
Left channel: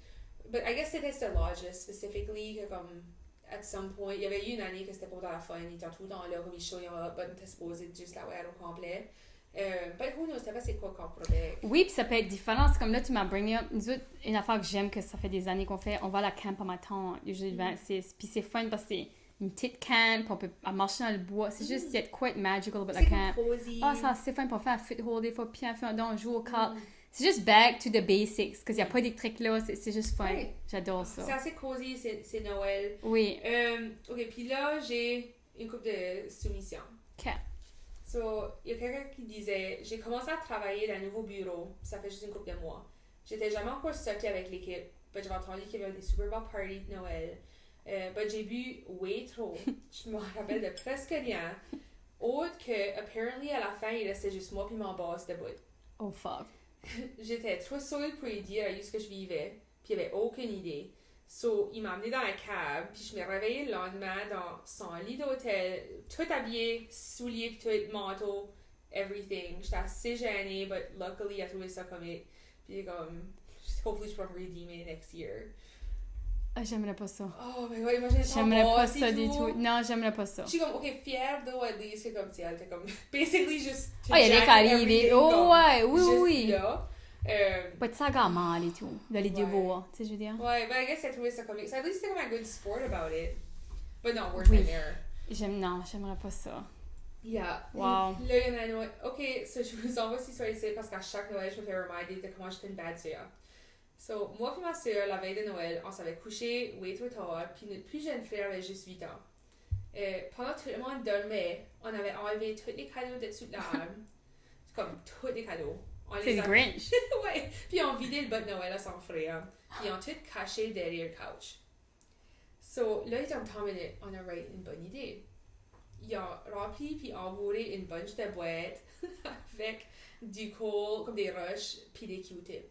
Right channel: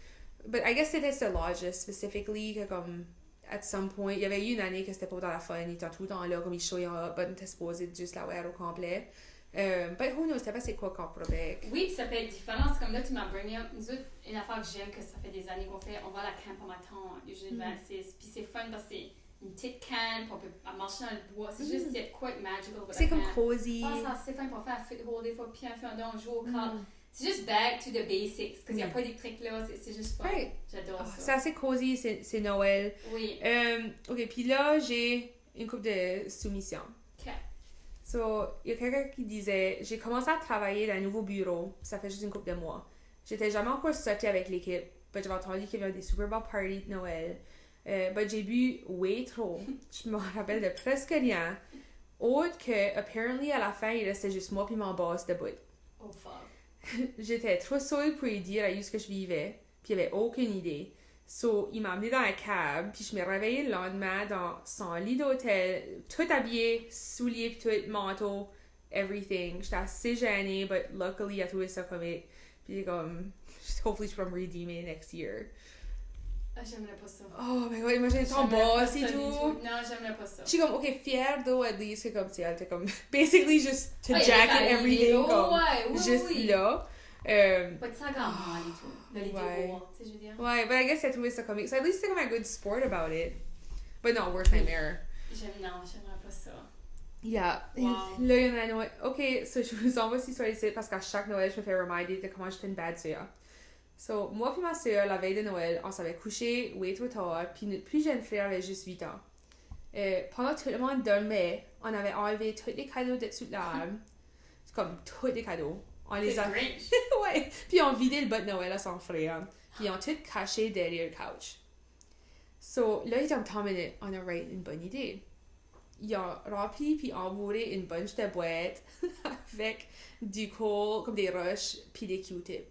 But I guess c'était ce lodge specifically que comme at some point, il y avait eu une année que c'était pas dans la fun, ils étaient tout le temps là, comme ils showaient up, but t'es supposé juste la wear au complet. But who knows, c'était pas c'est quoi qu'on prenait. Oui, puis ça peut être différent. C'est comme là, tu m'as bring up. Nous autres, une affaire que j'aime, que ça fait des années qu'on fait, on va à la camp à ma tante, usually le 26. Puis c'est fun parce que c'est une petite camp, puis on peut marcher dans le bois. C'est juste, il y a quite magical about la C'est camp. comme cozy. Ah, ça, c'est fun, puis on fait un foothold des fois, puis on fait on joue aux cartes. C'est juste back to the basics, parce qu'il n'y a pas d'électrique là, c'est juste fun. Ouais. J'adore C'est ça. assez cozy, c'est Noël. Oui. Ok, puis là, j'ai une couple de soumissions. Ok. So, il y a quelqu'un qui disait, j'ai commencé à travailler dans un nouveau bureau, ça fait juste une couple de mois. J'étais jamais encore sortie avec l'équipe, mais j'avais entendu qu'il y avait des super belles parties de Noël. Mais j'ai bu way trop. Je me rappelle de presque rien. Autre que, apparently, à la fin, il restait juste moi puis mon boss debout. Oh fuck. J'étais trop seule pour lui dire à lui ce que je vivais, puis il avait aucune idée. So, il m'a amené dans un cab, puis je me réveillais le lendemain dans son lit d'hôtel, tout habillé, souliers, puis tout, manteau, everything. J'étais assez gênée, but luckily, il a trouvé ça comique. Puis comme, hopefully, je peux me redeemer next year. Ah, j'aimerais pas ça. Oh my god, imagine ton J'aimerais pas boss ça et du tout. Non, j'aimerais pas ça. Je suis comme, ok, fière d'eau, at least, c'est comme, tu sais, elle était comme, basically, juste, to Ah, il y a des jack câlins, everything, mais. Oh, comme, ouais, oui, juste oui. là. Pas de saga à mal et tout. D'aller Ouais. devoir, tu sais, je veux dire. Ouais, but I guess I trouvé ça comique. So at least they're like a good sport about it. But no, worst nightmare. Non, j'aimerais pas ça. Yeah. Wow. Là, il y en a un autre. Ok, so je vous envoie cette histoire ici parce qu'à chaque Noël, je me fais reminder de comment j'étais une bad sœur. So, moi et ma sœur, la veille de Noël, on s'avait couché way trop tard, puis notre plus jeune frère avait juste 8 ans. Pendant que tout le monde dormait, on avait enlevé tous les cadeaux de dessous de l'arbre. Comme tous les cadeaux. On C'est les le a Grinch. ouais. Puis on vidait le bas de Noël à son frère. Puis on tout caché derrière le couch. So, là, il y a 10 minutes, on a eu une bonne idée. Ils ont rempli puis embourré une bunch de boîtes avec du coal, comme des roches, puis des Q-tips.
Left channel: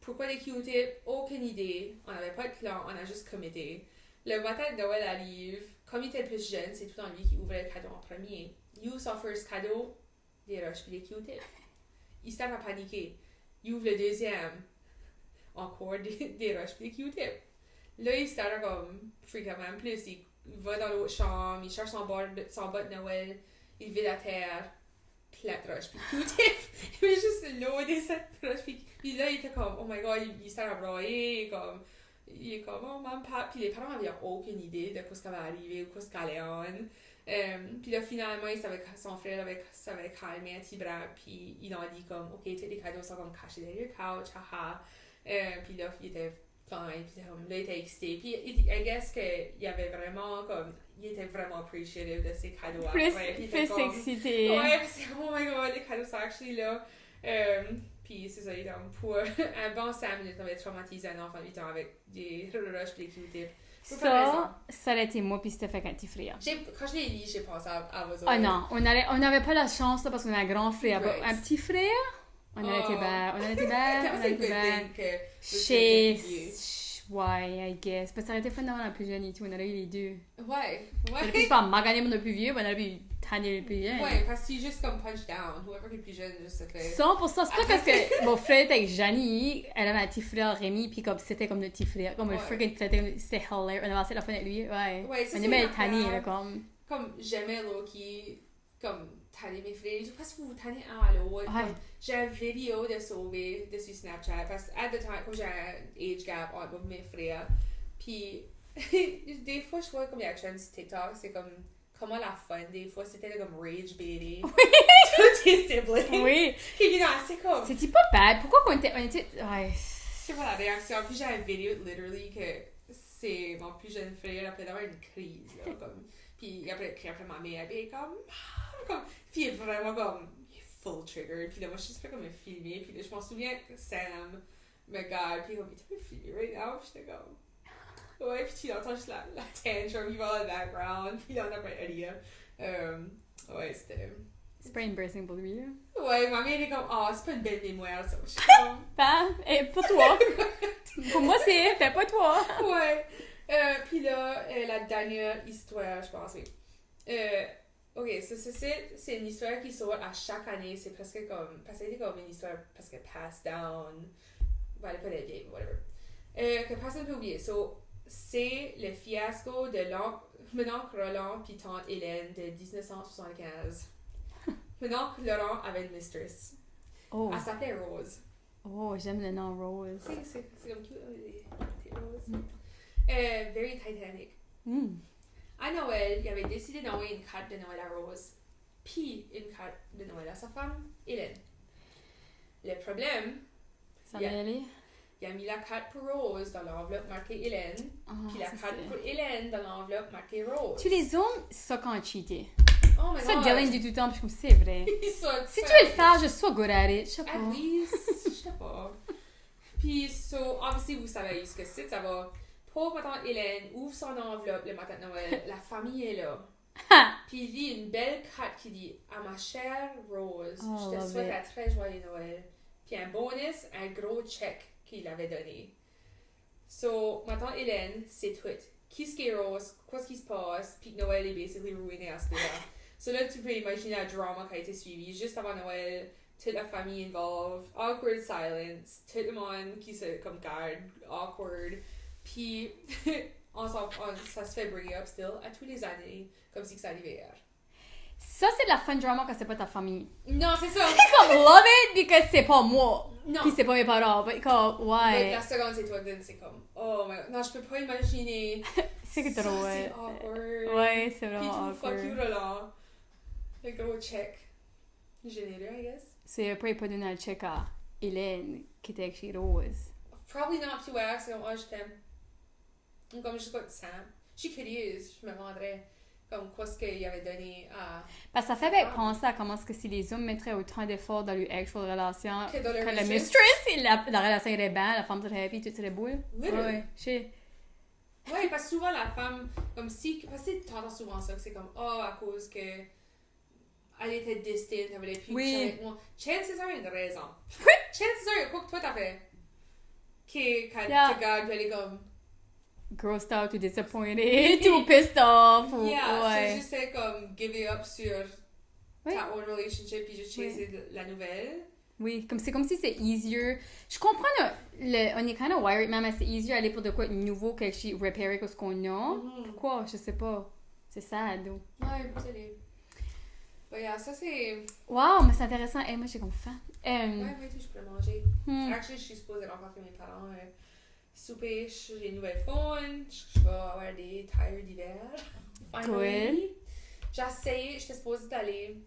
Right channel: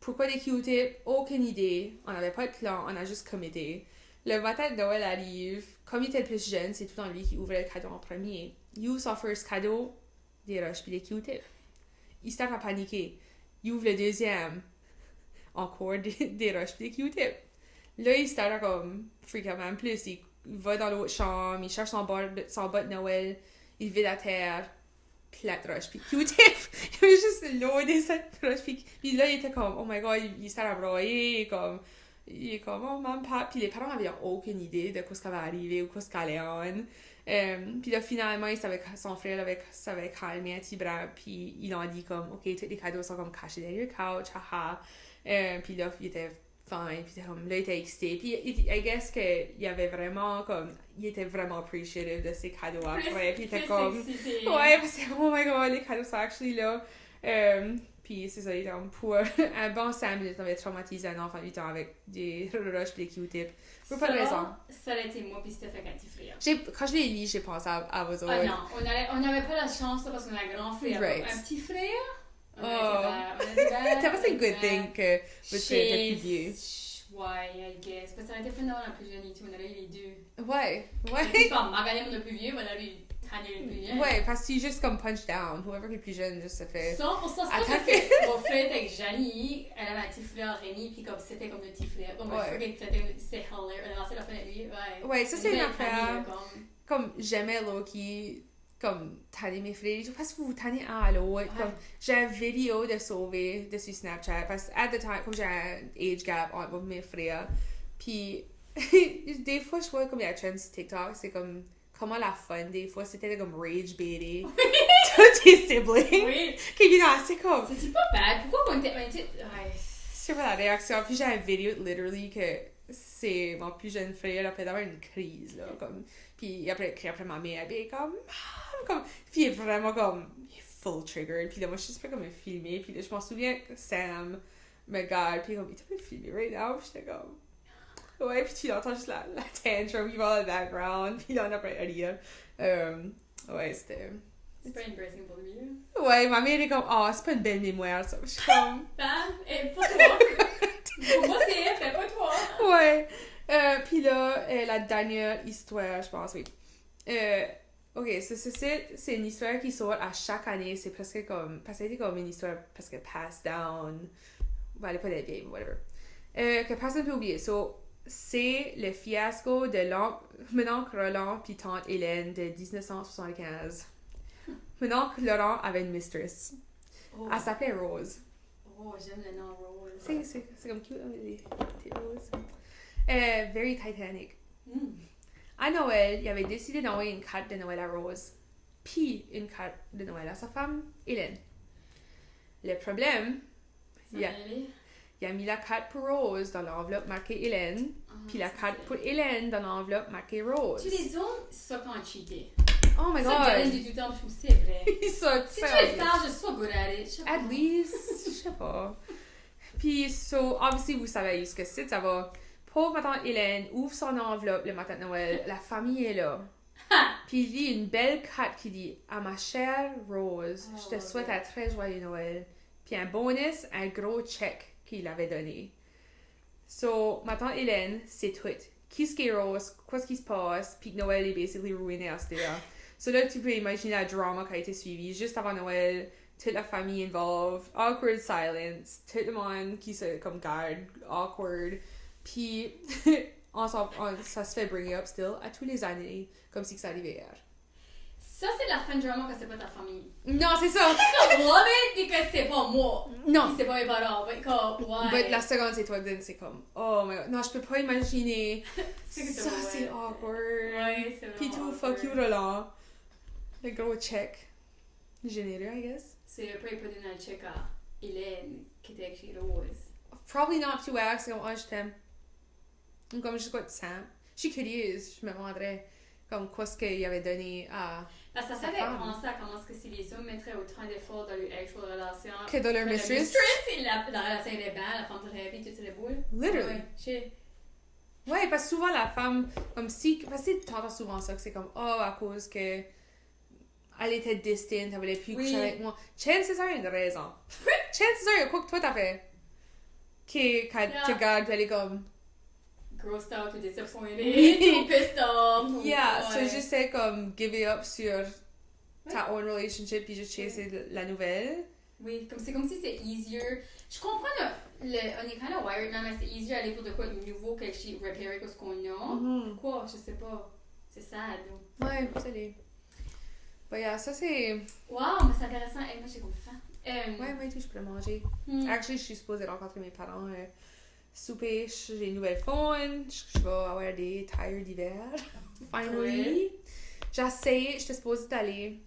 Pourquoi des Q-tips? Aucune idée. On n'avait pas de plan, on a juste committé. Le matin de Noël arrive. Comme il était le plus jeune, c'est tout le temps lui qui ouvrait le cadeau en premier. Il ouvre son first cadeau, des roches puis des Q-tips. Il se tape à paniquer. Il ouvre le deuxième. Encore des roches pis des Q-tips. Là, il se tape comme fréquemment plus. Il va dans l'autre chambre, il cherche son bas de Noël, il vide la terre, plate roche pis Q-tips. Il avait juste loadé cette roche pis là, il était comme, oh my god, il s'est broyer, il est comme, oh maman, papa. Pis les parents avaient aucune idée de ce qui allait arriver ou ce qu'elle allait on. Puis là, finalement, son frère s'avait calmé un petit bras, puis ils ont dit comme, ok, tous les cadeaux sont comme cachés derrière le couch, haha. Puis là, il était fine, puis comme, là, il était excité. Puis, I guess qu'il avait vraiment, comme, il était vraiment appreciative de ses cadeaux après. Puis il était comme, excité. ouais, parce que, oh my god, les cadeaux sont actually là. Puis c'est ça, il était comme, pour un bon 5 minutes, on avait traumatisé un enfant de 8 ans avec des roches et des Q-tips. Ça aurait été moi puis c'était fait un petit frère. Quand je l'ai lu, j'ai pensé à vos autres. Ah non, on n'avait pas la chance là, parce qu'on a un grand frère. Right. Un petit frère, on aurait été bad. On aurait été bad. That was a good thing que Chez... vous vieux. Ouais, I guess. Parce que ça aurait été fun d'avoir un plus jeune et tout. On aurait eu les deux. Ouais, Je ouais. pas maganer mon plus vieux, mais on aurait eu tanner le plus vieux. Ouais, parce que tu juste comme punch down. Whoever est plus jeune, juste ça fait. 100%, c'est pas parce que mon frère était avec Janie, elle avait un petit frère Rémi, puis comme c'était comme notre petit frère, comme un Ouais. freaking c'était hilarious, on a passé la fin avec lui, ouais. Ouais, ça on c'est aimait une être tanné, affaire. là, comme. Comme j'aimais Loki, comme tanner mes frères et tout, parce que vous tannez un à l'autre. Ouais. Comme j'ai une vidéo de sauver dessus Snapchat, parce que at the time, comme j'ai un age gap entre moi et mes frères, puis des fois je vois comme il y a un trend sur TikTok, c'est comme comment la fun, des fois c'était comme rage baiting. Tous tes siblings. Oui. Qui vient c'est comme. C'était pas bad, pourquoi on était. Ouais. C'est pas la réaction. Puis j'ai une vidéo, literally, que c'est mon plus jeune frère après d'avoir une crise, là, comme. Puis après ma mère, elle est comme. Puis il est vraiment comme. Il est full triggered. Puis là, moi, je suis juste comme me filmer. Puis là, je m'en souviens que Sam me regarde. Puis comme, il t'a filmé right now. Puis j'étais comme. Ouais, puis tu entends juste la tantrum, il va dans le background. Puis là, on a pas rien. Ouais, c'était. C'est pas embarrassing pour lui, là. Ouais, ma mère est comme, c'est pas une belle mémoire, ça. Je suis comme, Et pour toi. Pour moi, c'est fait pas toi. ouais. Puis là, la dernière histoire, je pense, oui. Ok, c'est une histoire qui sort à chaque année. C'est presque comme, parce que c'est comme une histoire presque passed down. Bon, elle est pas des vieilles, whatever. Que personne ne peut oublier. So, c'est le fiasco de mon oncle Roland puis tante Hélène de 1975. Mon oncle Laurent avait une mistress. Oh. Elle s'appelait Rose. Oh, j'aime le nom Rose. C'est comme cute, les roses. Very Titanic. À Noël, il avait décidé d'envoyer une carte de Noël à Rose, puis une carte de Noël à sa femme, Hélène. Le problème, Ça va aller? il a mis la carte pour Rose dans l'enveloppe marquée Hélène, puis la carte pour Hélène dans l'enveloppe marquée Rose. Tu les hommes, ça quand cheaté. Oh my Ça, god! Dylan dit tout le temps, puis je trouve que c'est vrai. Si tu veux le faire, je suis so good at it. Je sais pas. At least, je sais pas. Puis, so, obviously, vous savez ce que c'est, ça va. Pauvre ma tante Hélène ouvre son enveloppe le matin de Noël, la famille est là. Puis il lit une belle carte qui dit « À ma chère Rose, je te souhaite un très joyeux Noël. » Puis un bonus, un gros chèque qu'il avait donné. So, ma tante Hélène, c'est tout. Qui est Rose, qu'est-ce qui se passe, puis Noël est basically ruiné à ce là. So là, tu peux imaginer le drama qui a été suivi juste avant Noël, toute la famille involved, awkward silence, tout le monde qui se comme garde, awkward. Puis, ça se fait bring up still à tous les années, comme si ça arrivait hier. Ça, c'est de la fun drama quand c'est pas ta famille. Non, c'est ça! I love it because c'est pas moi. Non. Puis c'est pas mes parents. Mais comme, ouais. Mais la seconde, c'est toi, c'est comme, oh my god, non, je peux pas imaginer. C'est ça, drôle. c'est awkward. Ouais, c'est Puis vraiment tout fuck awkward. you, là. Le gros check. Généreux, I guess. C'est après, il pas donné le check à Hélène, qui était chez Rose. Probably not to ask, comme, je t'aime. Ou comme, je sais pas de ça. Je suis curieuse, je me demanderais, comme, qu'est-ce qu'il avait donné à. Parce que ça fait penser à comment est-ce que si les hommes mettraient autant d'efforts dans leur actual relation Que dans leur que le mistress. mistress, et la relation irait bien, la femme serait happy, tout serait beau. Literally. Ouais, je sais. Ouais, parce que souvent, la femme, comme si. Parce que tu entends souvent ça, que c'est comme, à cause que. Elle était distante, elle voulait plus coucher avec moi. Chances are, il y a une raison. Chances are, il y a quoi que toi t'as fait. Quand tu regardes, elle est comme. Grossed out ou disappointed, ou pissed off. Ou, Yeah, ouais. c'est juste comme give up sur ta own relationship puis juste chasser la nouvelle. Oui, c'est comme si c'est easier. Je comprends, on est kind of wired, même c'est easier aller pour de quoi de nouveau que repairer ce qu'on a. Pourquoi? Je sais pas. C'est sad. Ouais, c'est des. Ouais, yeah, ça c'est. Wow, mais c'est intéressant. Hey, moi, j'ai comme faim. Ouais, tout, je peux le manger. Actually, je suis supposée rencontrer mes parents. Souper, j'ai une nouvelle phone. Je vais avoir des tires d'hiver. Finally. J'étais supposée d'aller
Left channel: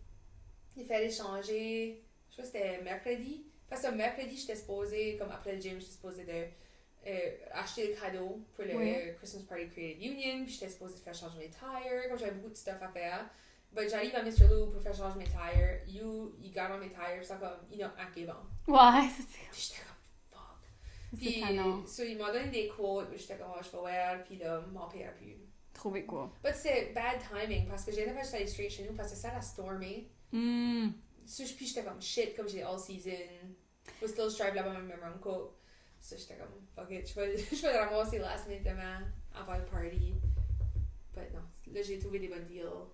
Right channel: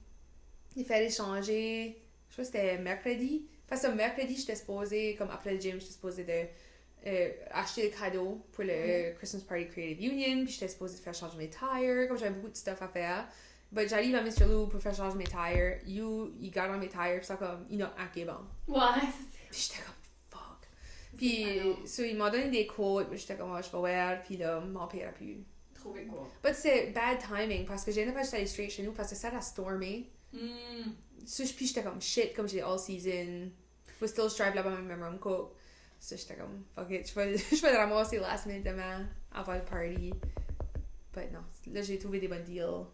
les faire échanger. Je crois que c'était mercredi. Parce que mercredi, j'étais supposée, comme après le gym, j'étais supposée de acheter des cadeaux pour le Christmas Party Creative Union. Puis j'étais supposée de faire changer mes tires. Comme j'avais beaucoup de stuff à faire. Mais j'arrive à Mr. Lou pour faire changer mes tires. Il garde mes tires. Puis ça comme, il n'a acquis bon. Ouais, Puis j'étais comme, fuck. Puis, il m'a donné des quotes. Puis j'étais comme, je vais voir. Puis là, mon père a pu. Trouver quoi? Mais c'est bad timing. Parce que j'ai pas aller straight chez nous. Parce que ça a stormé. Puis j'étais comme, shit, comme j'ai all season. Faut still strive là-bas avec mon coat. So j'étais comme, fuck it. Je vais le ramasser last minute demain. Avant le party. Mais non. Là, j'ai trouvé des bons deals.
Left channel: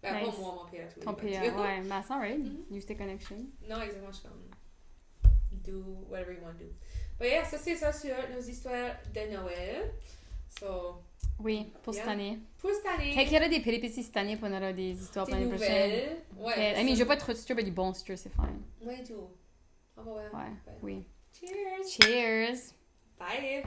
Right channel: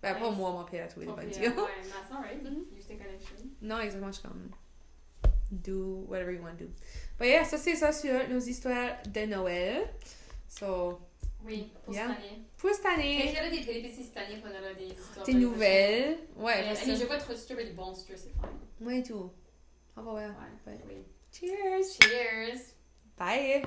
Ben, pas moi, mon père a trouvé des bons deals. Ouais, mais c'est alright. Use the connection. Non, exactement, je suis comme do whatever you want to do. But yeah, ça c'est ça sur nos histoires de Noël. So, oui, pour cette année. Pour cette année. Fait qu'il y aura des péripéties cette année, puis on aura des histoires des nouvelles. Ouais. Mais je veux pas trop de mais du bon stir, c'est fine. Moi et tout. Ah bah ouais. Oui. Cheers. Cheers. Bye.